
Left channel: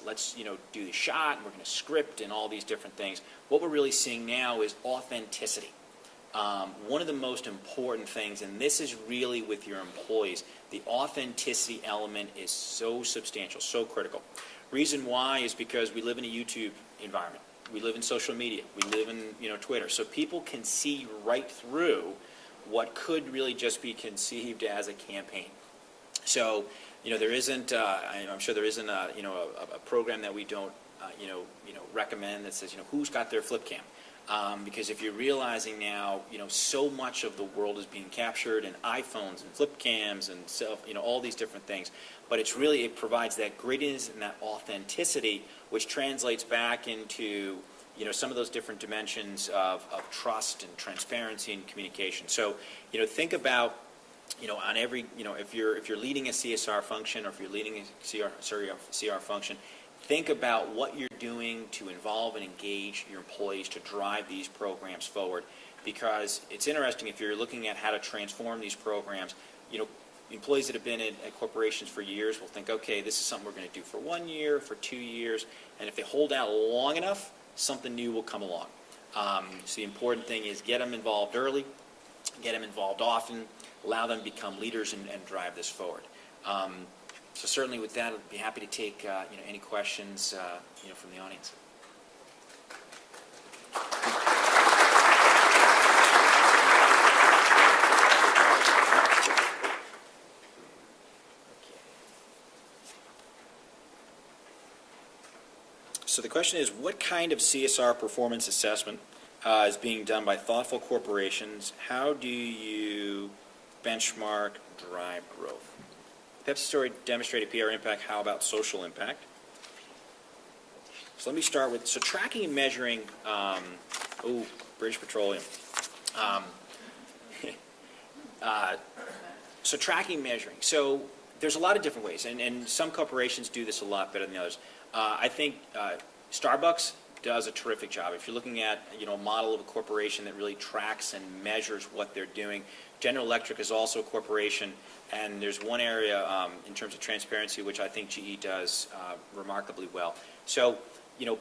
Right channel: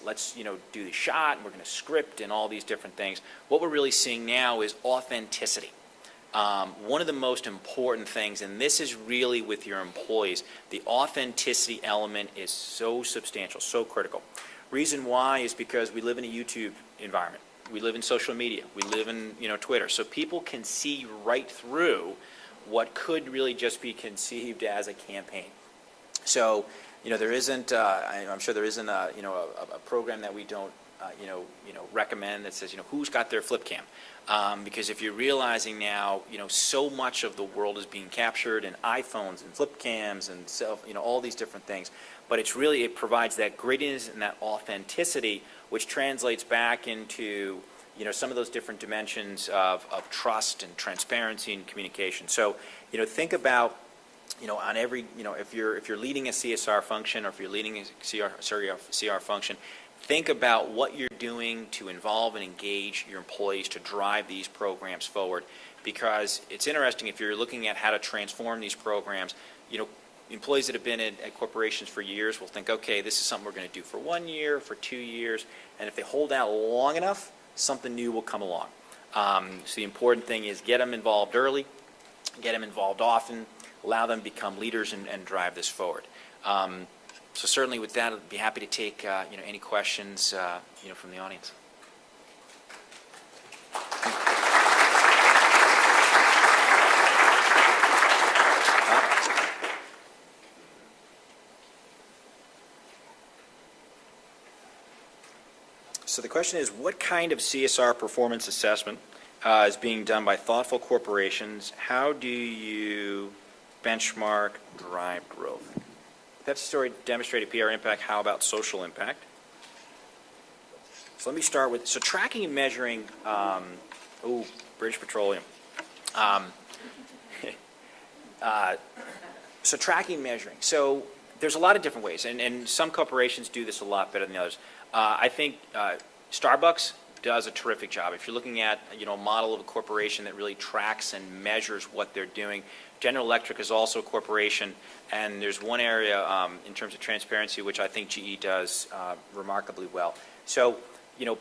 do the shot, and we're going to script and all these different things. What we're really seeing now is authenticity. One of the most important things, and this is really with your employees, the authenticity element is so substantial, so critical. Reason why is because we live in a YouTube environment. We live in social media. We live in Twitter. So people can see right through what could really just be conceived as a campaign. So there isn't. I'm sure there isn't a program that we don't recommend that says who's got their flip cam, because if you're realizing now so much of the world is being captured in iPhones and flip cams and all these different things, but it provides that grittiness and that authenticity, which translates back into some of those different dimensions of trust and transparency and communication. So think about. On every, if you're leading a CSR function or if you're leading a CR function, think about what you're doing to involve and engage your employees to drive these programs forward. Because it's interesting, if you're looking at how to transform these programs, employees that have been at corporations for years will think, okay, this is something we're going to do for 1 year, for 2 years, and if they hold out long enough, something new will come along. So the important thing is get them involved early, get them involved often, allow them to become leaders and drive this forward. So certainly with that, I'd be happy to take any questions from the audience. So the question is, what kind of CSR performance assessment is being done by thoughtful corporations? How do you benchmark drive growth? Pepsi story demonstrated PR impact. How about social impact? So let me start with, so tracking and measuring, British Petroleum. So tracking and measuring. So there's a lot of different ways, and some corporations do this a lot better than the others. I think Starbucks does a terrific job. If you're looking at a model of a corporation that really tracks and measures what they're doing, General Electric is also a corporation, and there's one area in terms of transparency which I think GE does remarkably well. So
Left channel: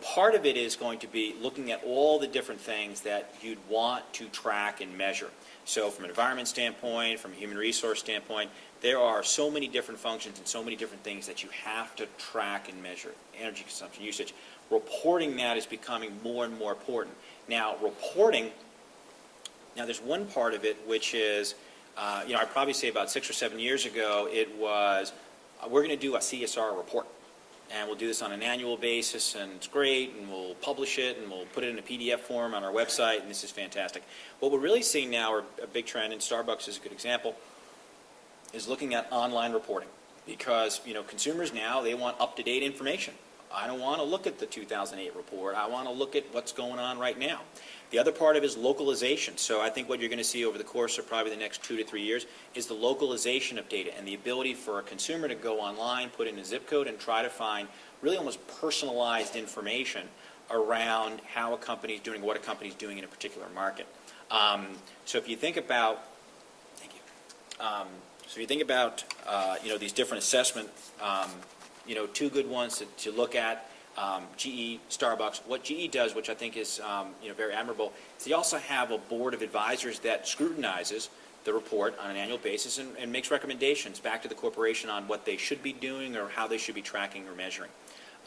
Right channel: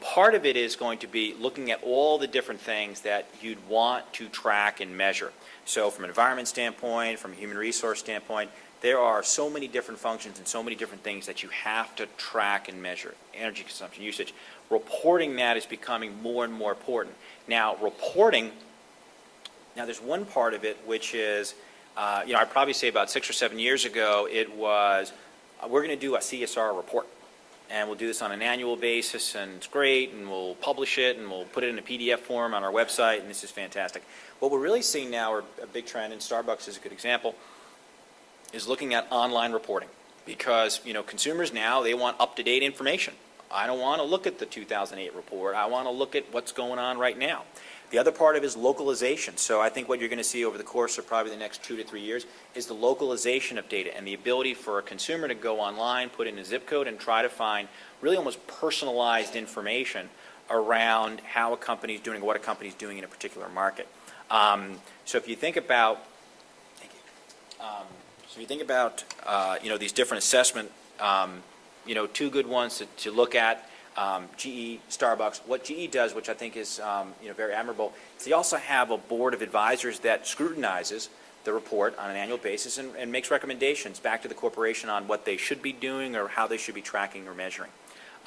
part of it is going to be looking at all the different things that you'd want to track and measure. So from an environment standpoint, from a human resource standpoint, there are so many different functions and so many different things that you have to track and measure. Energy consumption, usage. Reporting that is becoming more and more important. Now, there's one part of it which is, I'd probably say about 6 or 7 years ago, it was, we're going to do a CSR report. And we'll do this on an annual basis, and it's great, and we'll publish it, and we'll put it in a PDF form on our website, and this is fantastic. What we're really seeing now, or a big trend, and Starbucks is a good example, is looking at online reporting. Because, consumers now, they want up-to-date information. I don't want to look at the 2008 report. I want to look at what's going on right now. The other part of it is localization. So I think what you're going to see over the course of probably the next 2 to 3 years is the localization of data and the ability for a consumer to go online, put in a zip code, and try to find really almost personalized information around how a company is doing, what a company is doing in a particular market. So if you think about, these different assessment, two good ones to look at. GE, Starbucks. What GE does, which I think is very admirable, is they also have a board of advisors that scrutinizes the report on an annual basis and makes recommendations back to the corporation on what they should be doing or how they should be tracking or measuring.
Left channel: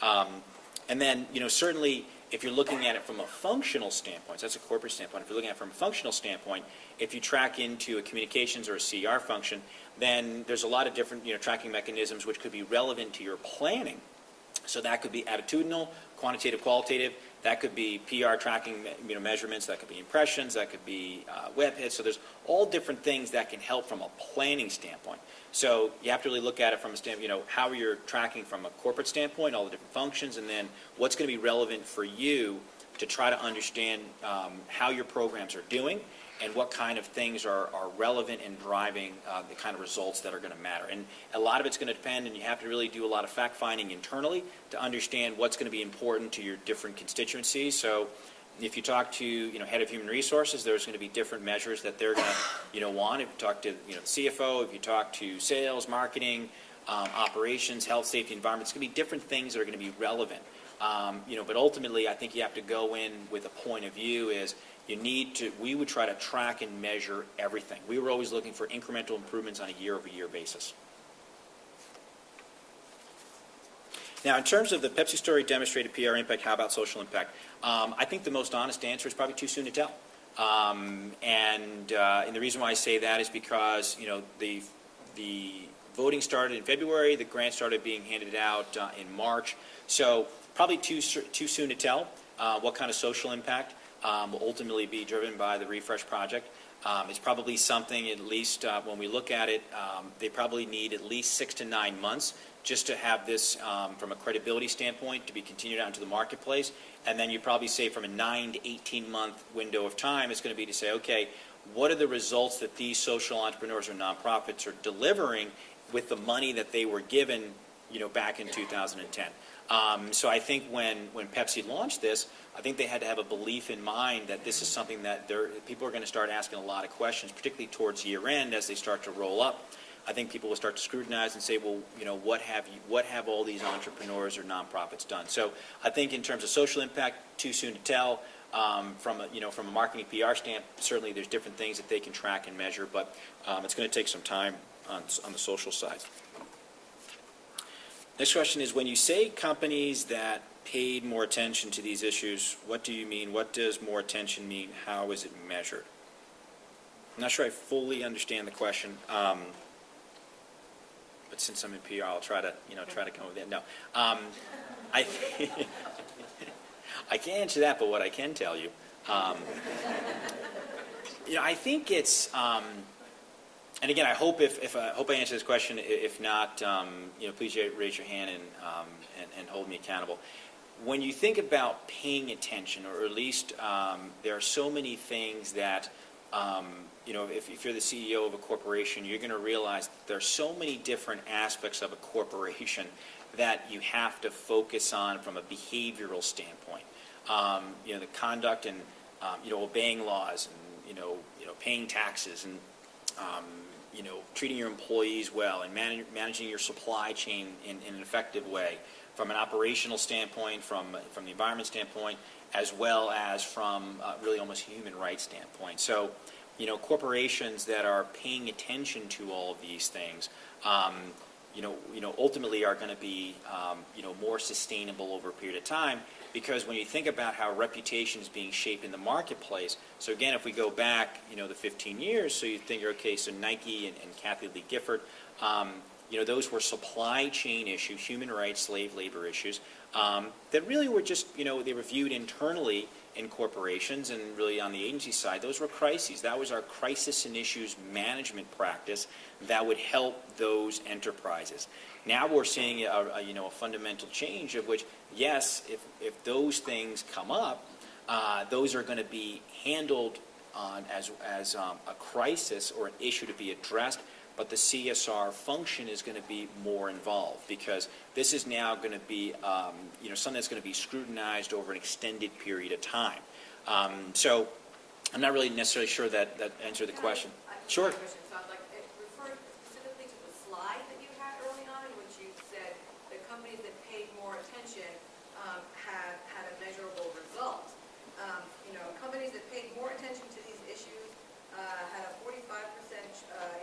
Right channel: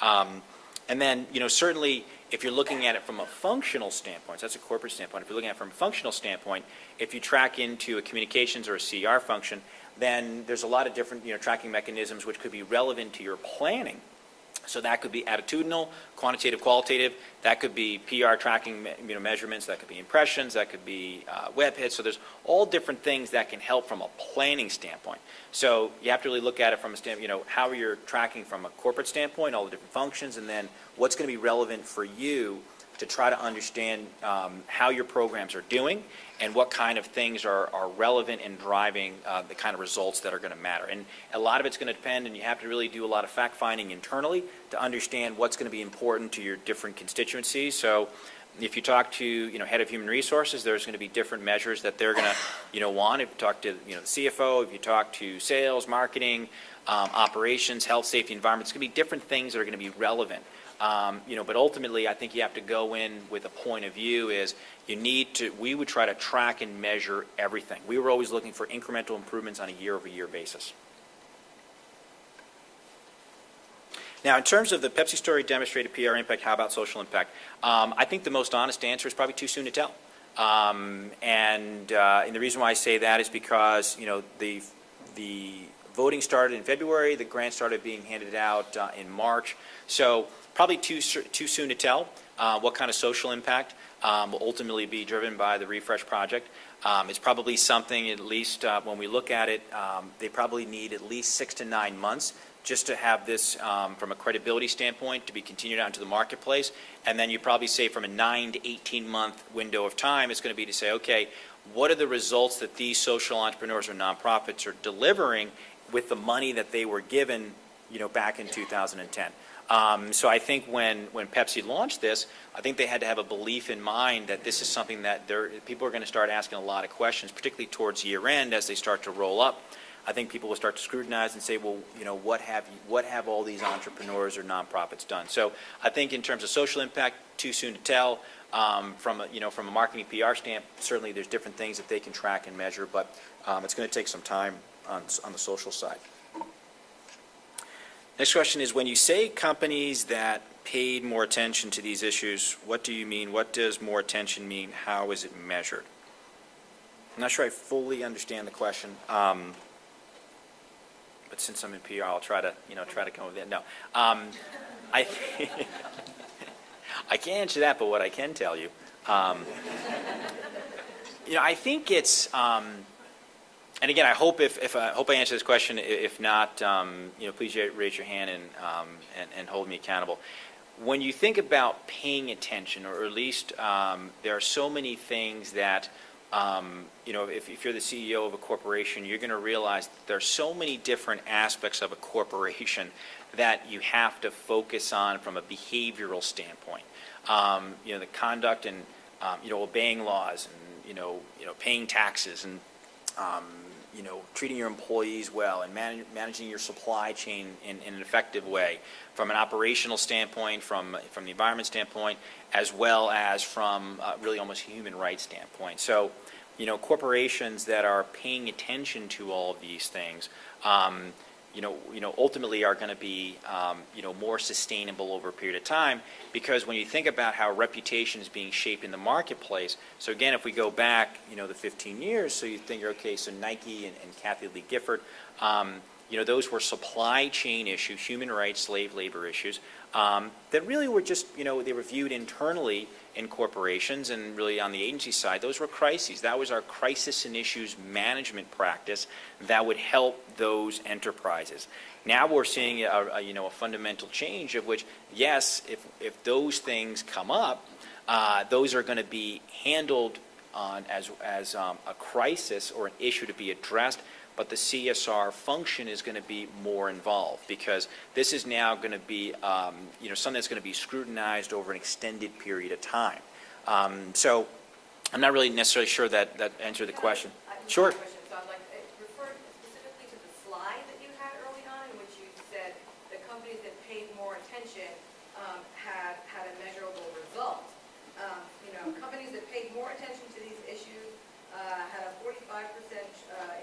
And then, certainly, if you're looking at it from a functional standpoint, so that's a corporate standpoint. If you're looking at it from a functional standpoint, if you track into a communications or a CR function, then there's a lot of different tracking mechanisms which could be relevant to your planning. So that could be attitudinal, quantitative, qualitative. That could be PR tracking measurements. That could be impressions. That could be web hits. So there's all different things that can help from a planning standpoint. So you have to really look at it from a standpoint, how you're tracking from a corporate standpoint, all the different functions, and then what's going to be relevant for you to try to understand how your programs are doing and what kind of things are relevant in driving the kind of results that are going to matter. And a lot of it's going to depend, and you have to really do a lot of fact-finding internally to understand what's going to be important to your different constituencies. So if you talk to head of human resources, there's going to be different measures that they're going to want. If you talk to CFO, if you talk to sales, marketing, operations, health, safety, environment, it's going to be different things that are going to be relevant. But ultimately, I think you have to go in with a point of view is we would try to track and measure everything. We were always looking for incremental improvements on a year-over-year basis. Now, in terms of the Pepsi story demonstrated PR impact, how about social impact? I think the most honest answer is probably too soon to tell. And the reason why I say that is because, the voting started in February, the grant started being handed out in March. So probably too soon to tell what kind of social impact will ultimately be driven by the refresh project. It's probably something, at least when we look at it, they probably need at least 6 to 9 months just to have this from a credibility standpoint to be continued out into the marketplace. And then you'd probably say from a 9 to 18 month window of time, it's going to be to say, okay, what are the results that these social entrepreneurs or nonprofits are delivering with the money that they were given, back in 2010. So I think when Pepsi launched this, I think they had to have a belief in mind that this is something that people are going to start asking a lot of questions, particularly towards year end as they start to roll up. I think people will start to scrutinize and say, well, what have all these entrepreneurs or nonprofits done? So I think in terms of social impact, too soon to tell. From a marketing PR stamp, certainly there's different things that they can track and measure, but it's going to take some time on the social side. Next question is, when you say companies that paid more attention to these issues, what do you mean? What does more attention mean? How is it measured? I'm not sure I fully understand the question, but since I'm in PR, I'll try to come with it. No, I can't answer that, but what I can tell you, I think it's, and again, I hope I answer this question. If not, please raise your hand and hold me accountable. When you think about paying attention, or at least there are so many things that, if you're the CEO of a corporation, you're going to realize that there are so many different aspects of a corporation that you have to focus on from a behavioral standpoint. The conduct and obeying laws, and paying taxes, and treating your employees well, and managing your supply chain in an effective way, from an operational standpoint, from the environment standpoint, as well as from really almost a human rights standpoint. So, corporations that are paying attention to all of these things, ultimately are going to be, more sustainable over a period of time. Because when you think about how reputation is being shaped in the marketplace, so again, if we go back, the 15 years, so you think, okay, so Nike and Kathy Lee Gifford, those were supply chain issues, human rights, slave labor issues, that really were just, they were viewed internally in corporations, and really on the agency side, those were crises. That was our crisis and issues management practice that would help those enterprises. Now we're seeing a fundamental change, of which, yes, if those things come up, those are going to be handled as a crisis or an issue to be addressed, but the CSR function is going to be more involved, because this is now going to be something that's going to be scrutinized over an extended period of time. So I'm not really necessarily sure that answered the question. Sure. So I'd like to refer specifically to the slide that you had early on, in which you said the companies that paid more attention had a measurable result. Companies that paid more attention to these issues had a 45%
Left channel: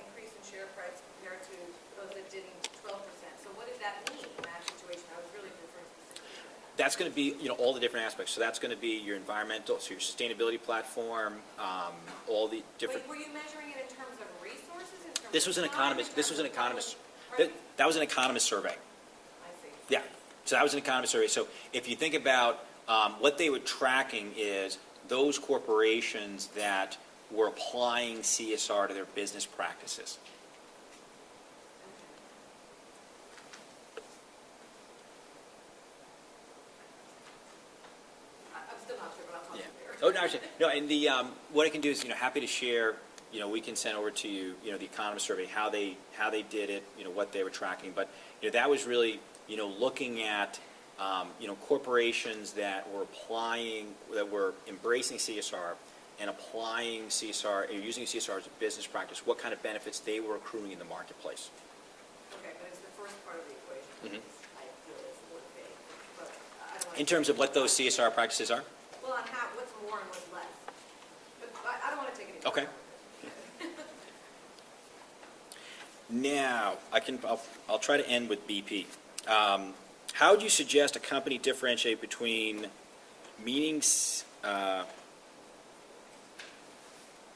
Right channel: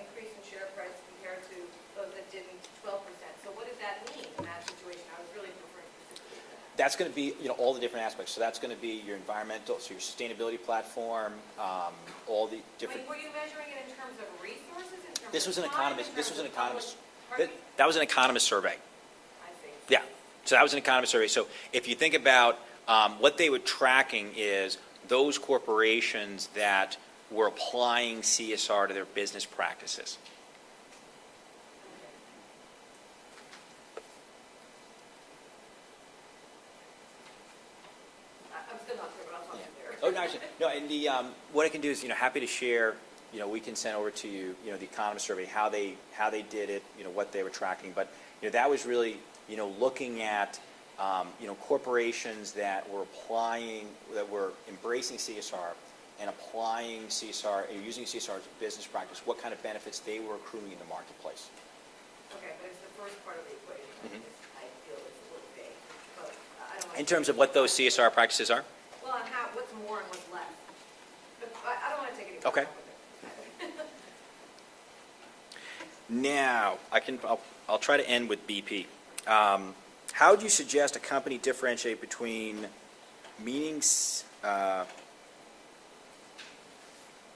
increase in share price compared to those that didn't, 12%. So what did that mean in that situation? I was really referring specifically to that. That's going to be, all the different aspects. So that's going to be your environmental, so your sustainability platform, all the different. Wait, were you measuring it in terms of resources? In terms This was of an time, economist. in This terms was an of economist. public- That was an economist survey. I see. Yeah. So that was an economist survey. So if you think about what they were tracking is those corporations that were applying CSR to their business practices. I'm still not clear, but I'll talk to you later. Oh, no, actually, no, and the, what I can do is, happy to share, we can send over to you, the economist survey, how they did it, what they were tracking. But, that was really, looking at, corporations that were embracing CSR and applying CSR, or using CSR as a business practice, what kind of benefits they were accruing in the marketplace. Okay, but it's the first part of the equation. I feel it's a little vague, but I don't want to. In terms of what those CSR practices are? Well, on how, what's more and what's less. But I don't want to take any. Okay. Now, I'll try to end with BP. How would you suggest a company differentiate between viewing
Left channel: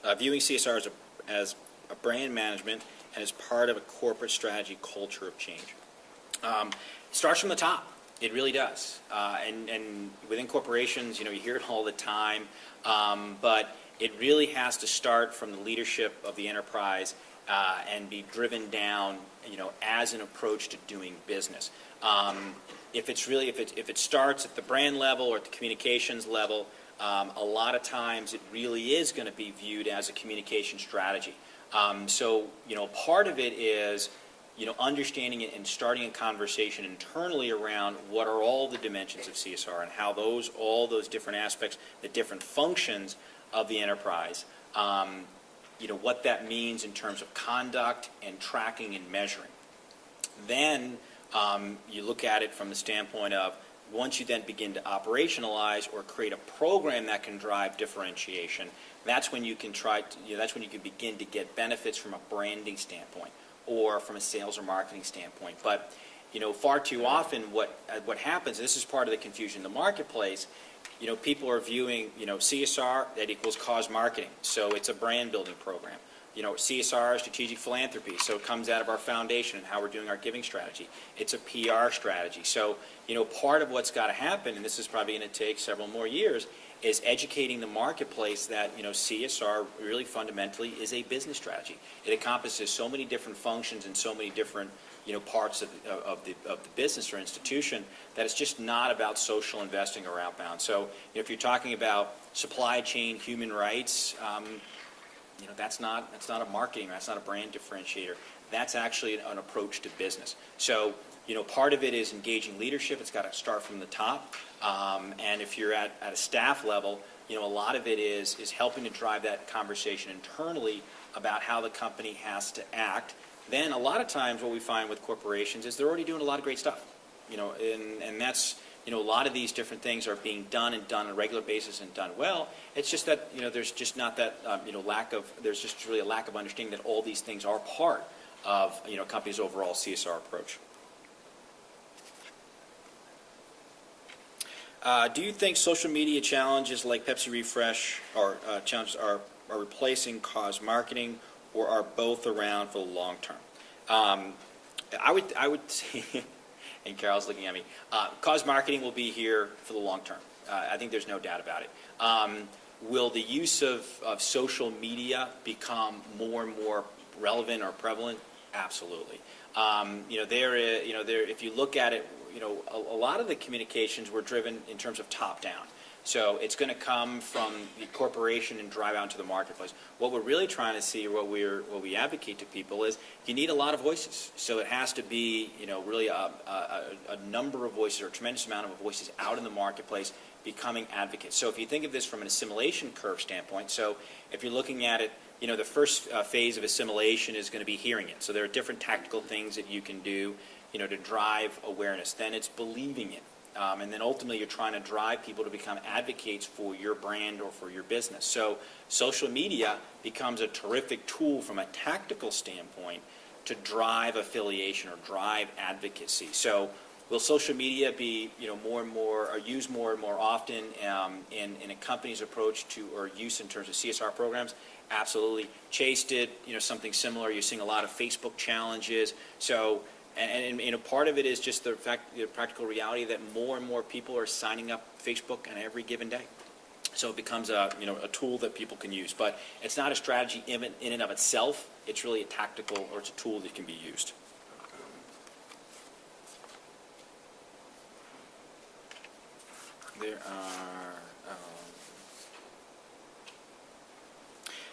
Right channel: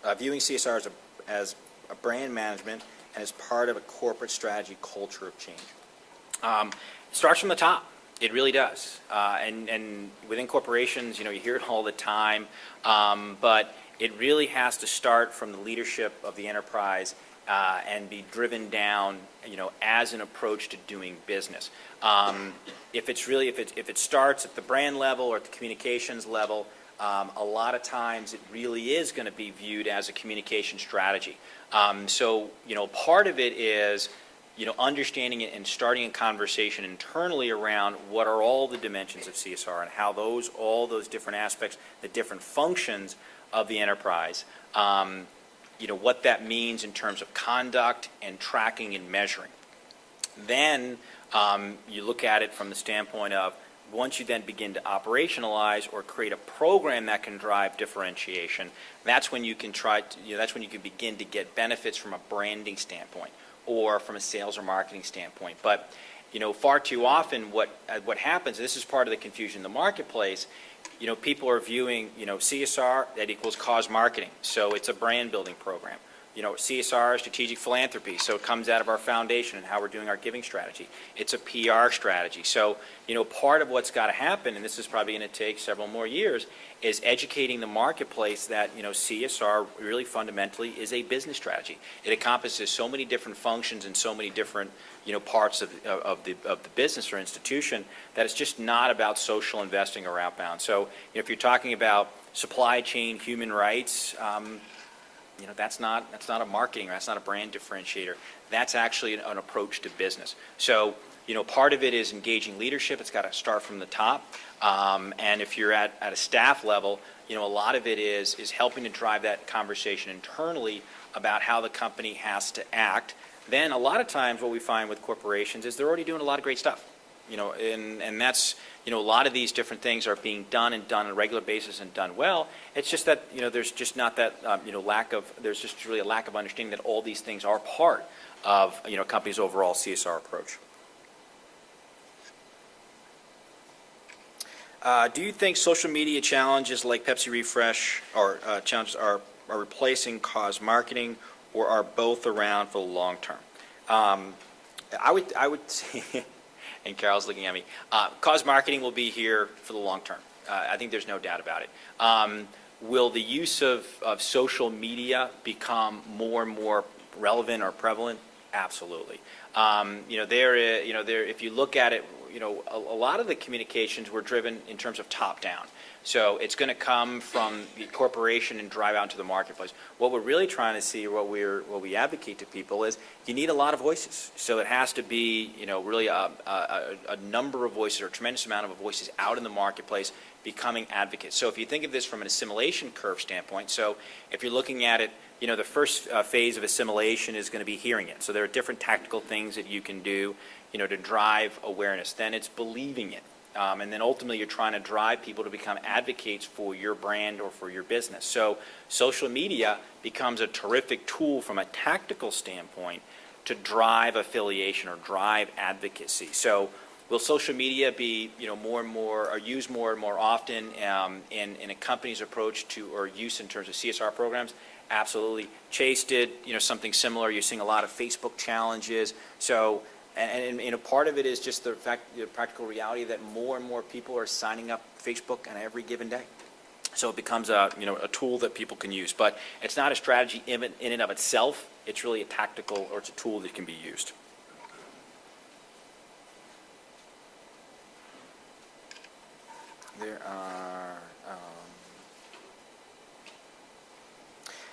CSR as a brand management and as part of a corporate strategy culture of change? It starts from the top. It really does. And within corporations, you hear it all the time, but it really has to start from the leadership of the enterprise and be driven down, as an approach to doing business. If it starts at the brand level or at the communications level, a lot of times it really is going to be viewed as a communication strategy. So, part of it is, understanding it and starting a conversation internally around what are all the dimensions of CSR and how all those different aspects, the different functions of the enterprise, what that means in terms of conduct and tracking and measuring. Then you look at it from the standpoint of, once you then begin to operationalize or create a program that can drive differentiation, that's when you can begin to get benefits from a branding standpoint or from a sales or marketing standpoint. But far too often what happens, and this is part of the confusion in the marketplace, people are viewing, CSR, that equals cause marketing. So it's a brand building program. CSR, strategic philanthropy, so it comes out of our foundation and how we're doing our giving strategy. It's a PR strategy. So, part of what's got to happen, and this is probably going to take several more years, is educating the marketplace that, CSR really fundamentally is a business strategy. It encompasses so many different functions and so many different, parts of the business or institution that it's just not about social investing or outbound. So, if you're talking about supply chain, human rights, that's not a marketing, that's not a brand differentiator. That's actually an approach to business. So, part of it is engaging leadership. It's got to start from the top. And if you're at a staff level, a lot of it is helping to drive that conversation internally about how the company has to act. Then a lot of times what we find with corporations is they're already doing a lot of great stuff. And that's, a lot of these different things are being done on a regular basis and done well. It's just that, there's just not that, there's just really a lack of understanding that all these things are part of, a company's overall CSR approach. Do you think social media challenges like Pepsi Refresh or challenges are replacing cause marketing, or are both around for the long term? I would say, and Carol's looking at me, cause marketing will be here for the long term. I think there's no doubt about it. Will the use of social media become more and more relevant or prevalent? Absolutely. If you look at it, a lot of the communications were driven in terms of top down. So it's going to come from the corporation and drive out into the marketplace. What we're really trying to see, what we advocate to people is you need a lot of voices. So it has to be, really a number of voices or a tremendous amount of voices out in the marketplace becoming advocates. So if you think of this from an assimilation curve standpoint, so if you're looking at it, the first phase of assimilation is going to be hearing it. So there are different tactical things that you can do, to drive awareness. Then it's believing it. And then ultimately you're trying to drive people to become advocates for your brand or for your business. So social media becomes a terrific tool from a tactical standpoint to drive affiliation or drive advocacy. So will social media be more and more, or used more and more often in a company's approach to, or use in terms of CSR programs? Absolutely. Chase did something similar. You're seeing a lot of Facebook challenges. So and part of it is just the practical reality that more and more people are signing up Facebook on every given day. So it becomes a tool that people can use. But it's not a strategy in and of itself. It's really a tactical, or it's a tool that can be used. There are,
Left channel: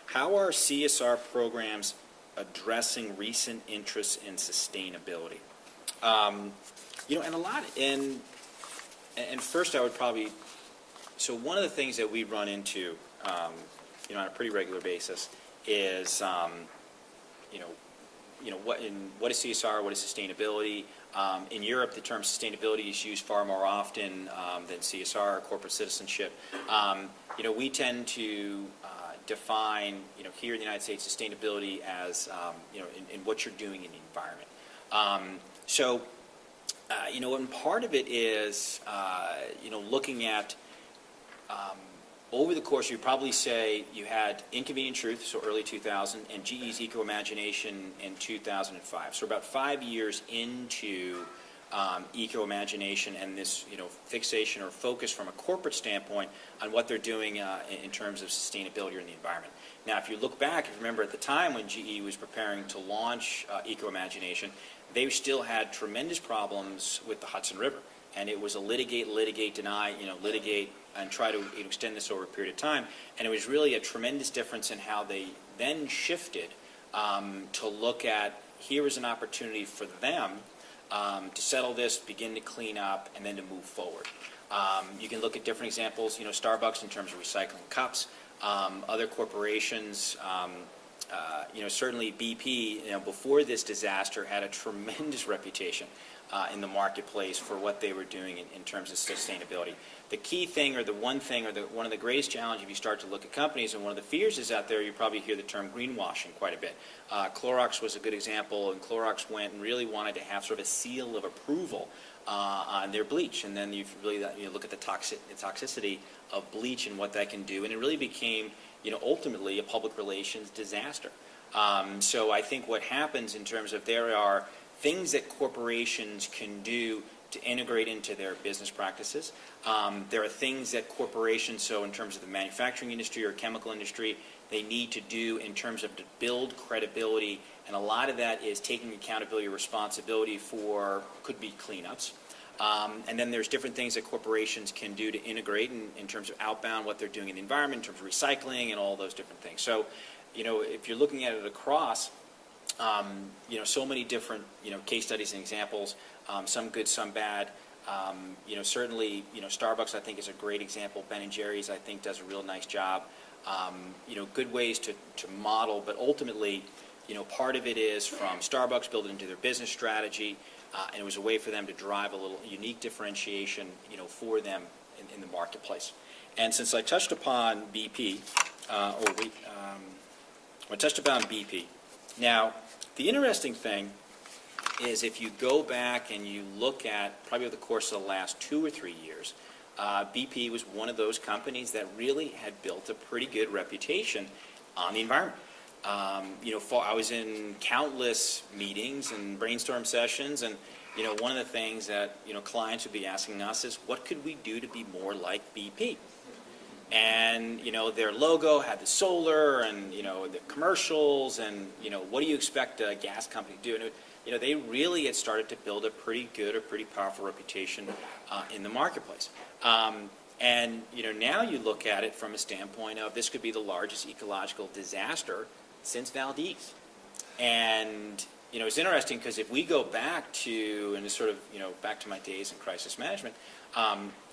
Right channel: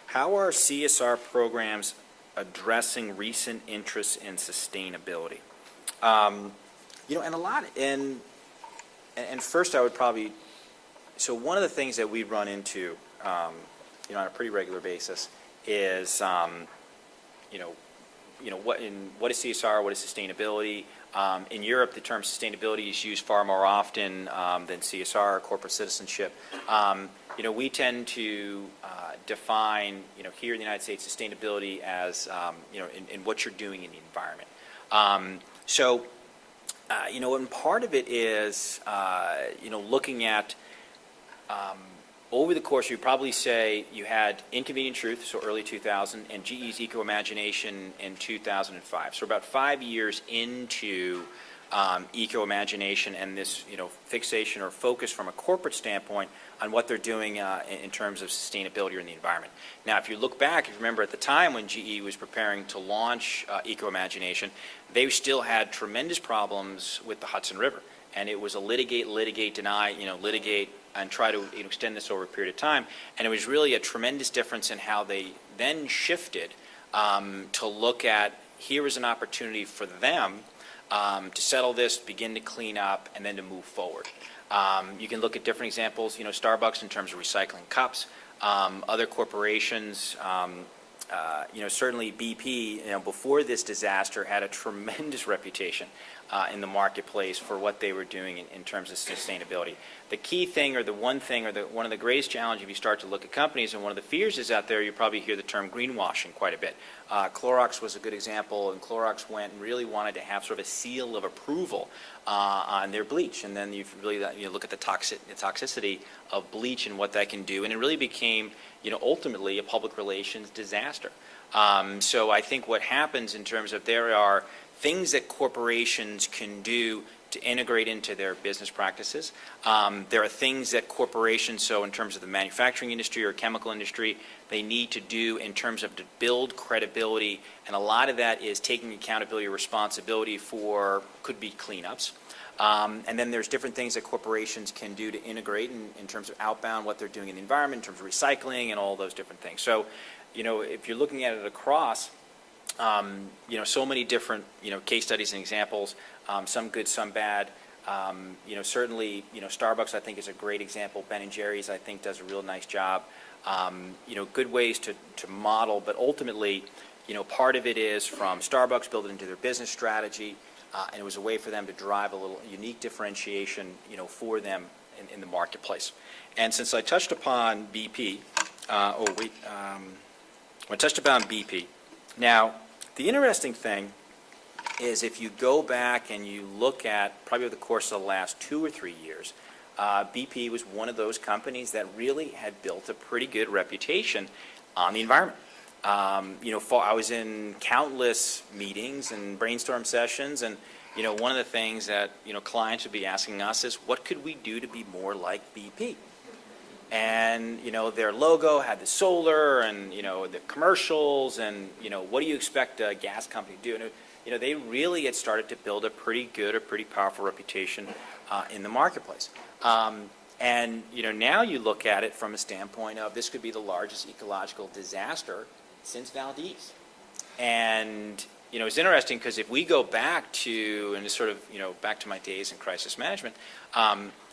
how are CSR programs addressing recent interests in sustainability? And a lot, and first I would probably, so one of the things that we run into, on a pretty regular basis is, what is CSR, what is sustainability? In Europe, the term sustainability is used far more often than CSR, corporate citizenship. We tend to define, here in the United States, sustainability as, in what you're doing in the environment. And part of it is, looking at, over the course, you'd probably say you had Inconvenient Truth, so early 2000, and GE's Eco-Imagination in 2005. So about 5 years into Eco-Imagination and this, fixation or focus from a corporate standpoint on what they're doing in terms of sustainability or in the environment. Now, if you look back, remember at the time when GE was preparing to launch Eco-Imagination, they still had tremendous problems with the Hudson River. And it was a litigate, deny, litigate, and try to extend this over a period of time. And it was really a tremendous difference in how they then shifted to look at, here is an opportunity for them to settle this, begin to clean up, and then to move forward. You can look at different examples, Starbucks in terms of recycling cups, other corporations, certainly BP, before this disaster had a tremendous reputation in the marketplace for what they were doing in terms of sustainability. The key thing, or the one thing, or one of the greatest challenges if you start to look at companies, and one of the fears is out there, you probably hear the term greenwashing quite a bit. Clorox was a good example, and Clorox went and really wanted to have sort of a seal of approval on their bleach, and then you look at the toxicity of bleach and what that can do, and it really became ultimately a public relations disaster. So I think what happens in terms of there are things that corporations can do to integrate into their business practices. There are things that corporations, so in terms of the manufacturing industry or chemical industry, they need to do in terms of to build credibility, and a lot of that is taking accountability or responsibility for, could be cleanups. And then there's different things that corporations can do to integrate in terms of outbound, what they're doing in the environment, in terms of recycling and all those different things. So, if you're looking at it across, so many different, case studies and examples, some good, some bad. Certainly, Starbucks, I think, is a great example. Ben & Jerry's, I think, does a real nice job. Good ways to model, but ultimately, part of it is from Starbucks, build it into their business strategy, and it was a way for them to drive a little unique differentiation, for them in the marketplace. And since I touched upon BP, I touched upon BP. Now, the interesting thing is if you go back and you look at probably over the course of the last 2 or 3 years, BP was one of those companies that really had built a pretty good reputation on the environment. I was in countless meetings and brainstorm sessions, and one of the things that clients would be asking us is, what could we do to be more like BP? And their logo had the solar and the commercials, and what do you expect a gas company to do? And they really had started to build a pretty good, a pretty powerful reputation in the marketplace. And now you look at it from a standpoint of this could be the largest ecological disaster since Valdez. And it's interesting because if we go back to, and sort of back to my days in crisis management,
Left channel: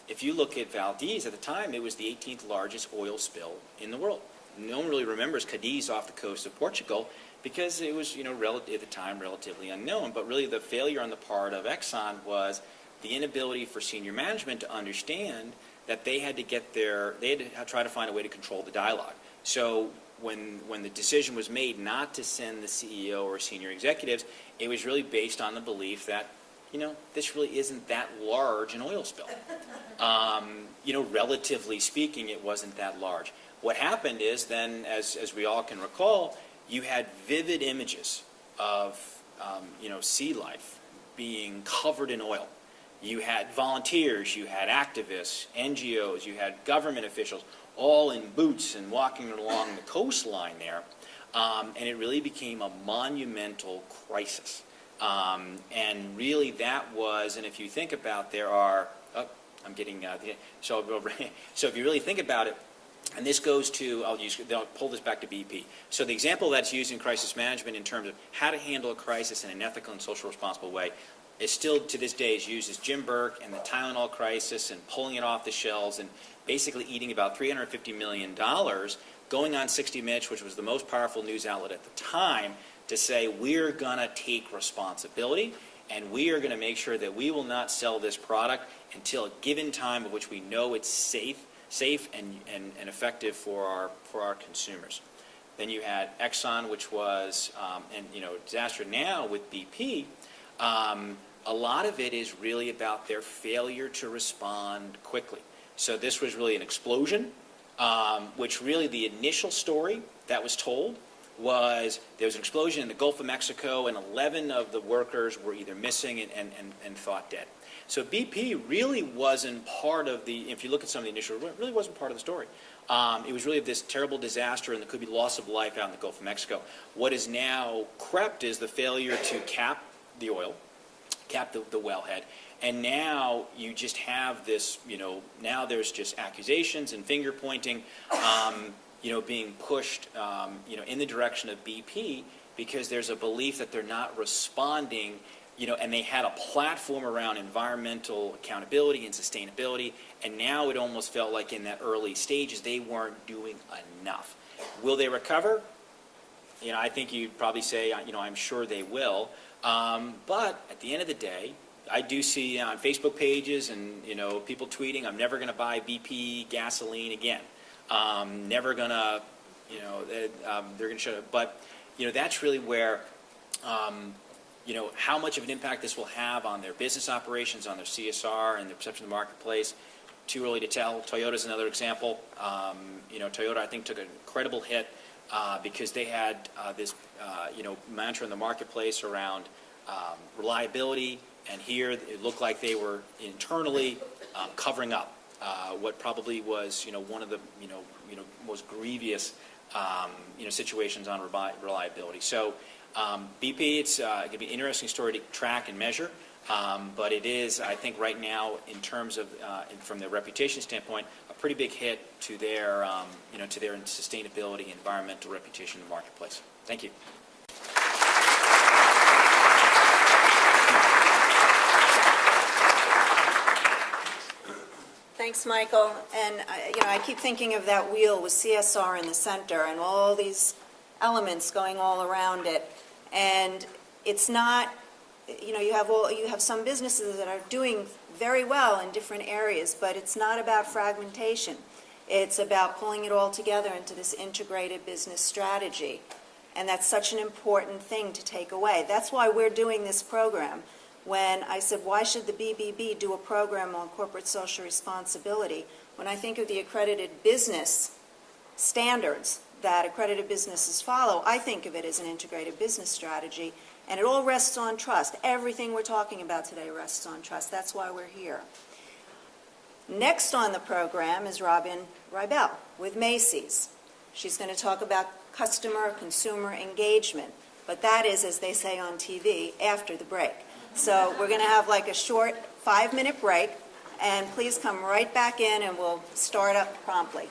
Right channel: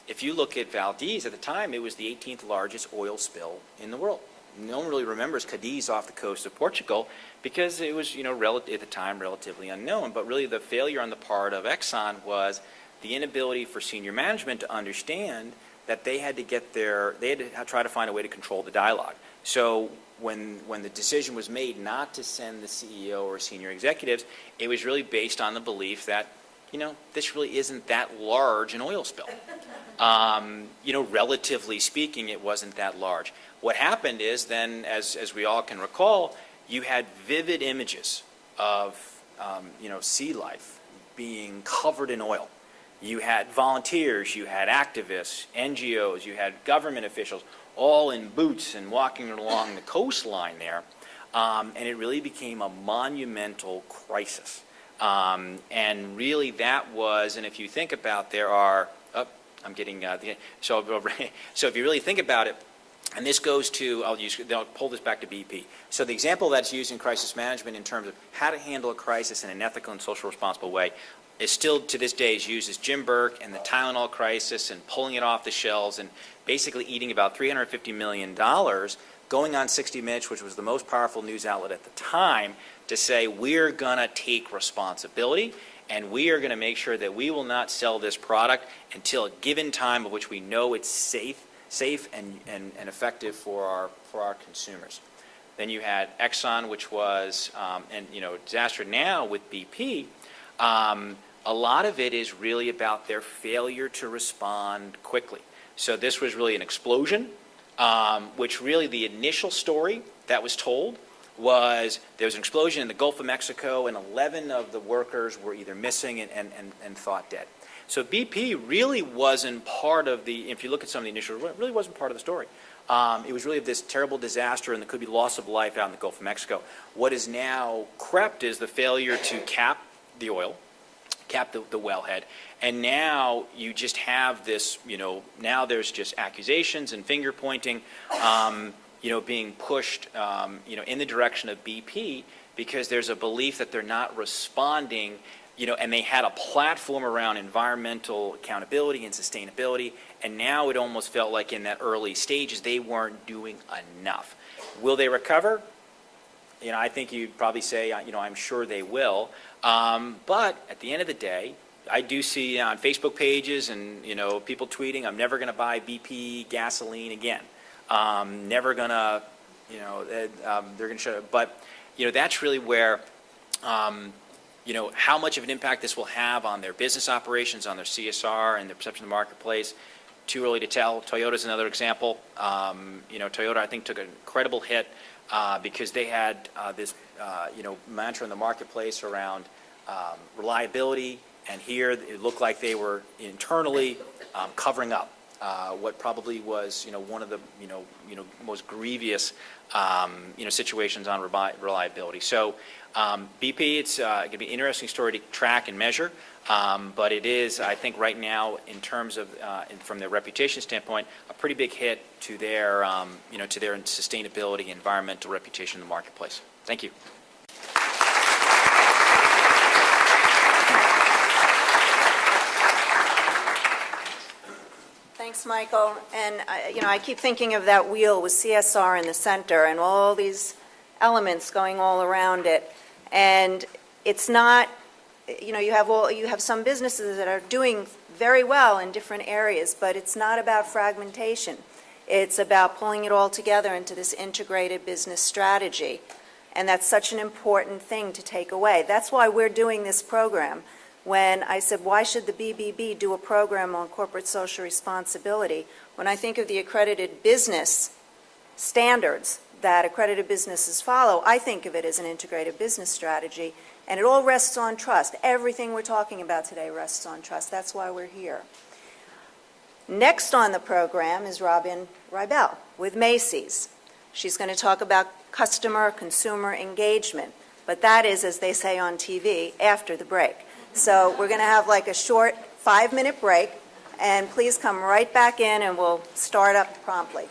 if you look at Valdez at the time, it was the 18th largest oil spill in the world. No one really remembers Cadiz off the coast of Portugal because it was at the time relatively unknown. But really the failure on the part of Exxon was the inability for senior management to understand that they had to try to find a way to control the dialogue. So when the decision was made not to send the CEO or senior executives, it was really based on the belief that, this really isn't that large an oil spill. Relatively speaking, it wasn't that large. What happened is then, as we all can recall, you had vivid images of, sea life being covered in oil. You had volunteers, you had activists, NGOs, you had government officials, all in boots and walking along the coastline there. And it really became a monumental crisis. And really that was, and if you think about, so if you really think about it, and this goes to, I'll pull this back to BP. So the example that's used in crisis management in terms of how to handle a crisis in an ethical and social responsible way is still to this day is used as Jim Burke and the Tylenol crisis and pulling it off the shelves and basically eating about $350 million, going on 60 Minutes, which was the most powerful news outlet at the time, to say we're going to take responsibility and we are going to make sure that we will not sell this product until a given time of which we know it's safe and effective for our consumers. Then you had Exxon, which was, disaster. Now with BP, a lot of it is really about their failure to respond quickly. So this was really an explosion, which really the initial story that was told was there was an explosion in the Gulf of Mexico and 11 of the workers were either missing and thought dead. So BP really wasn't part of the, if you look at some of the initial, it really wasn't part of the story. It was really this terrible disaster and there could be loss of life out in the Gulf of Mexico. What is now crept is the failure to cap the oil, cap the wellhead, and now you just have this, now there's just accusations and finger pointing, being pushed, in the direction of BP because there's a belief that they're not responding, and they had a platform around environmental accountability and sustainability, and now it almost felt like in that early stages they weren't doing enough. Will they recover? I think you'd probably say, I'm sure they will. But at the end of the day, I do see on Facebook pages and, people tweeting, I'm never going to buy BP gasoline again. Never going to, they're going to show it. But, that's really where, how much of an impact this will have on their business operations, on their CSR and their perception of the marketplace. Too early to tell. Toyota's another example. Toyota, I think, took an incredible hit because they had this mantra in the marketplace around reliability, and here it looked like they were internally covering up what probably was, one of the, most grievous, situations on reliability. So BP, it's going to be an interesting story to track and measure, but it is, I think, right now, in terms of, from their reputation standpoint, a pretty big hit to their, to their sustainability, environmental reputation in the marketplace. Thank you. Thanks, Michael. And, I keep thinking of that wheel with CSR in the center and all these elements going all around it. And it's not, you have some businesses that are doing very well in different areas, but it's not about fragmentation. It's about pulling it all together into this integrated business strategy. And that's such an important thing to take away. That's why we're doing this program. When I said, why should the BBB do a program on corporate social responsibility? When I think of the accredited business standards that accredited businesses follow, I think of it as an integrated business strategy, and it all rests on trust. Everything we're talking about today rests on trust. That's why we're here. Next on the program is Robin Rybel with Macy's. She's going to talk about consumer engagement, but that is, as they say on TV, after the break. So we're going to have like a short 5-minute break, and please come right back in and we'll start up promptly.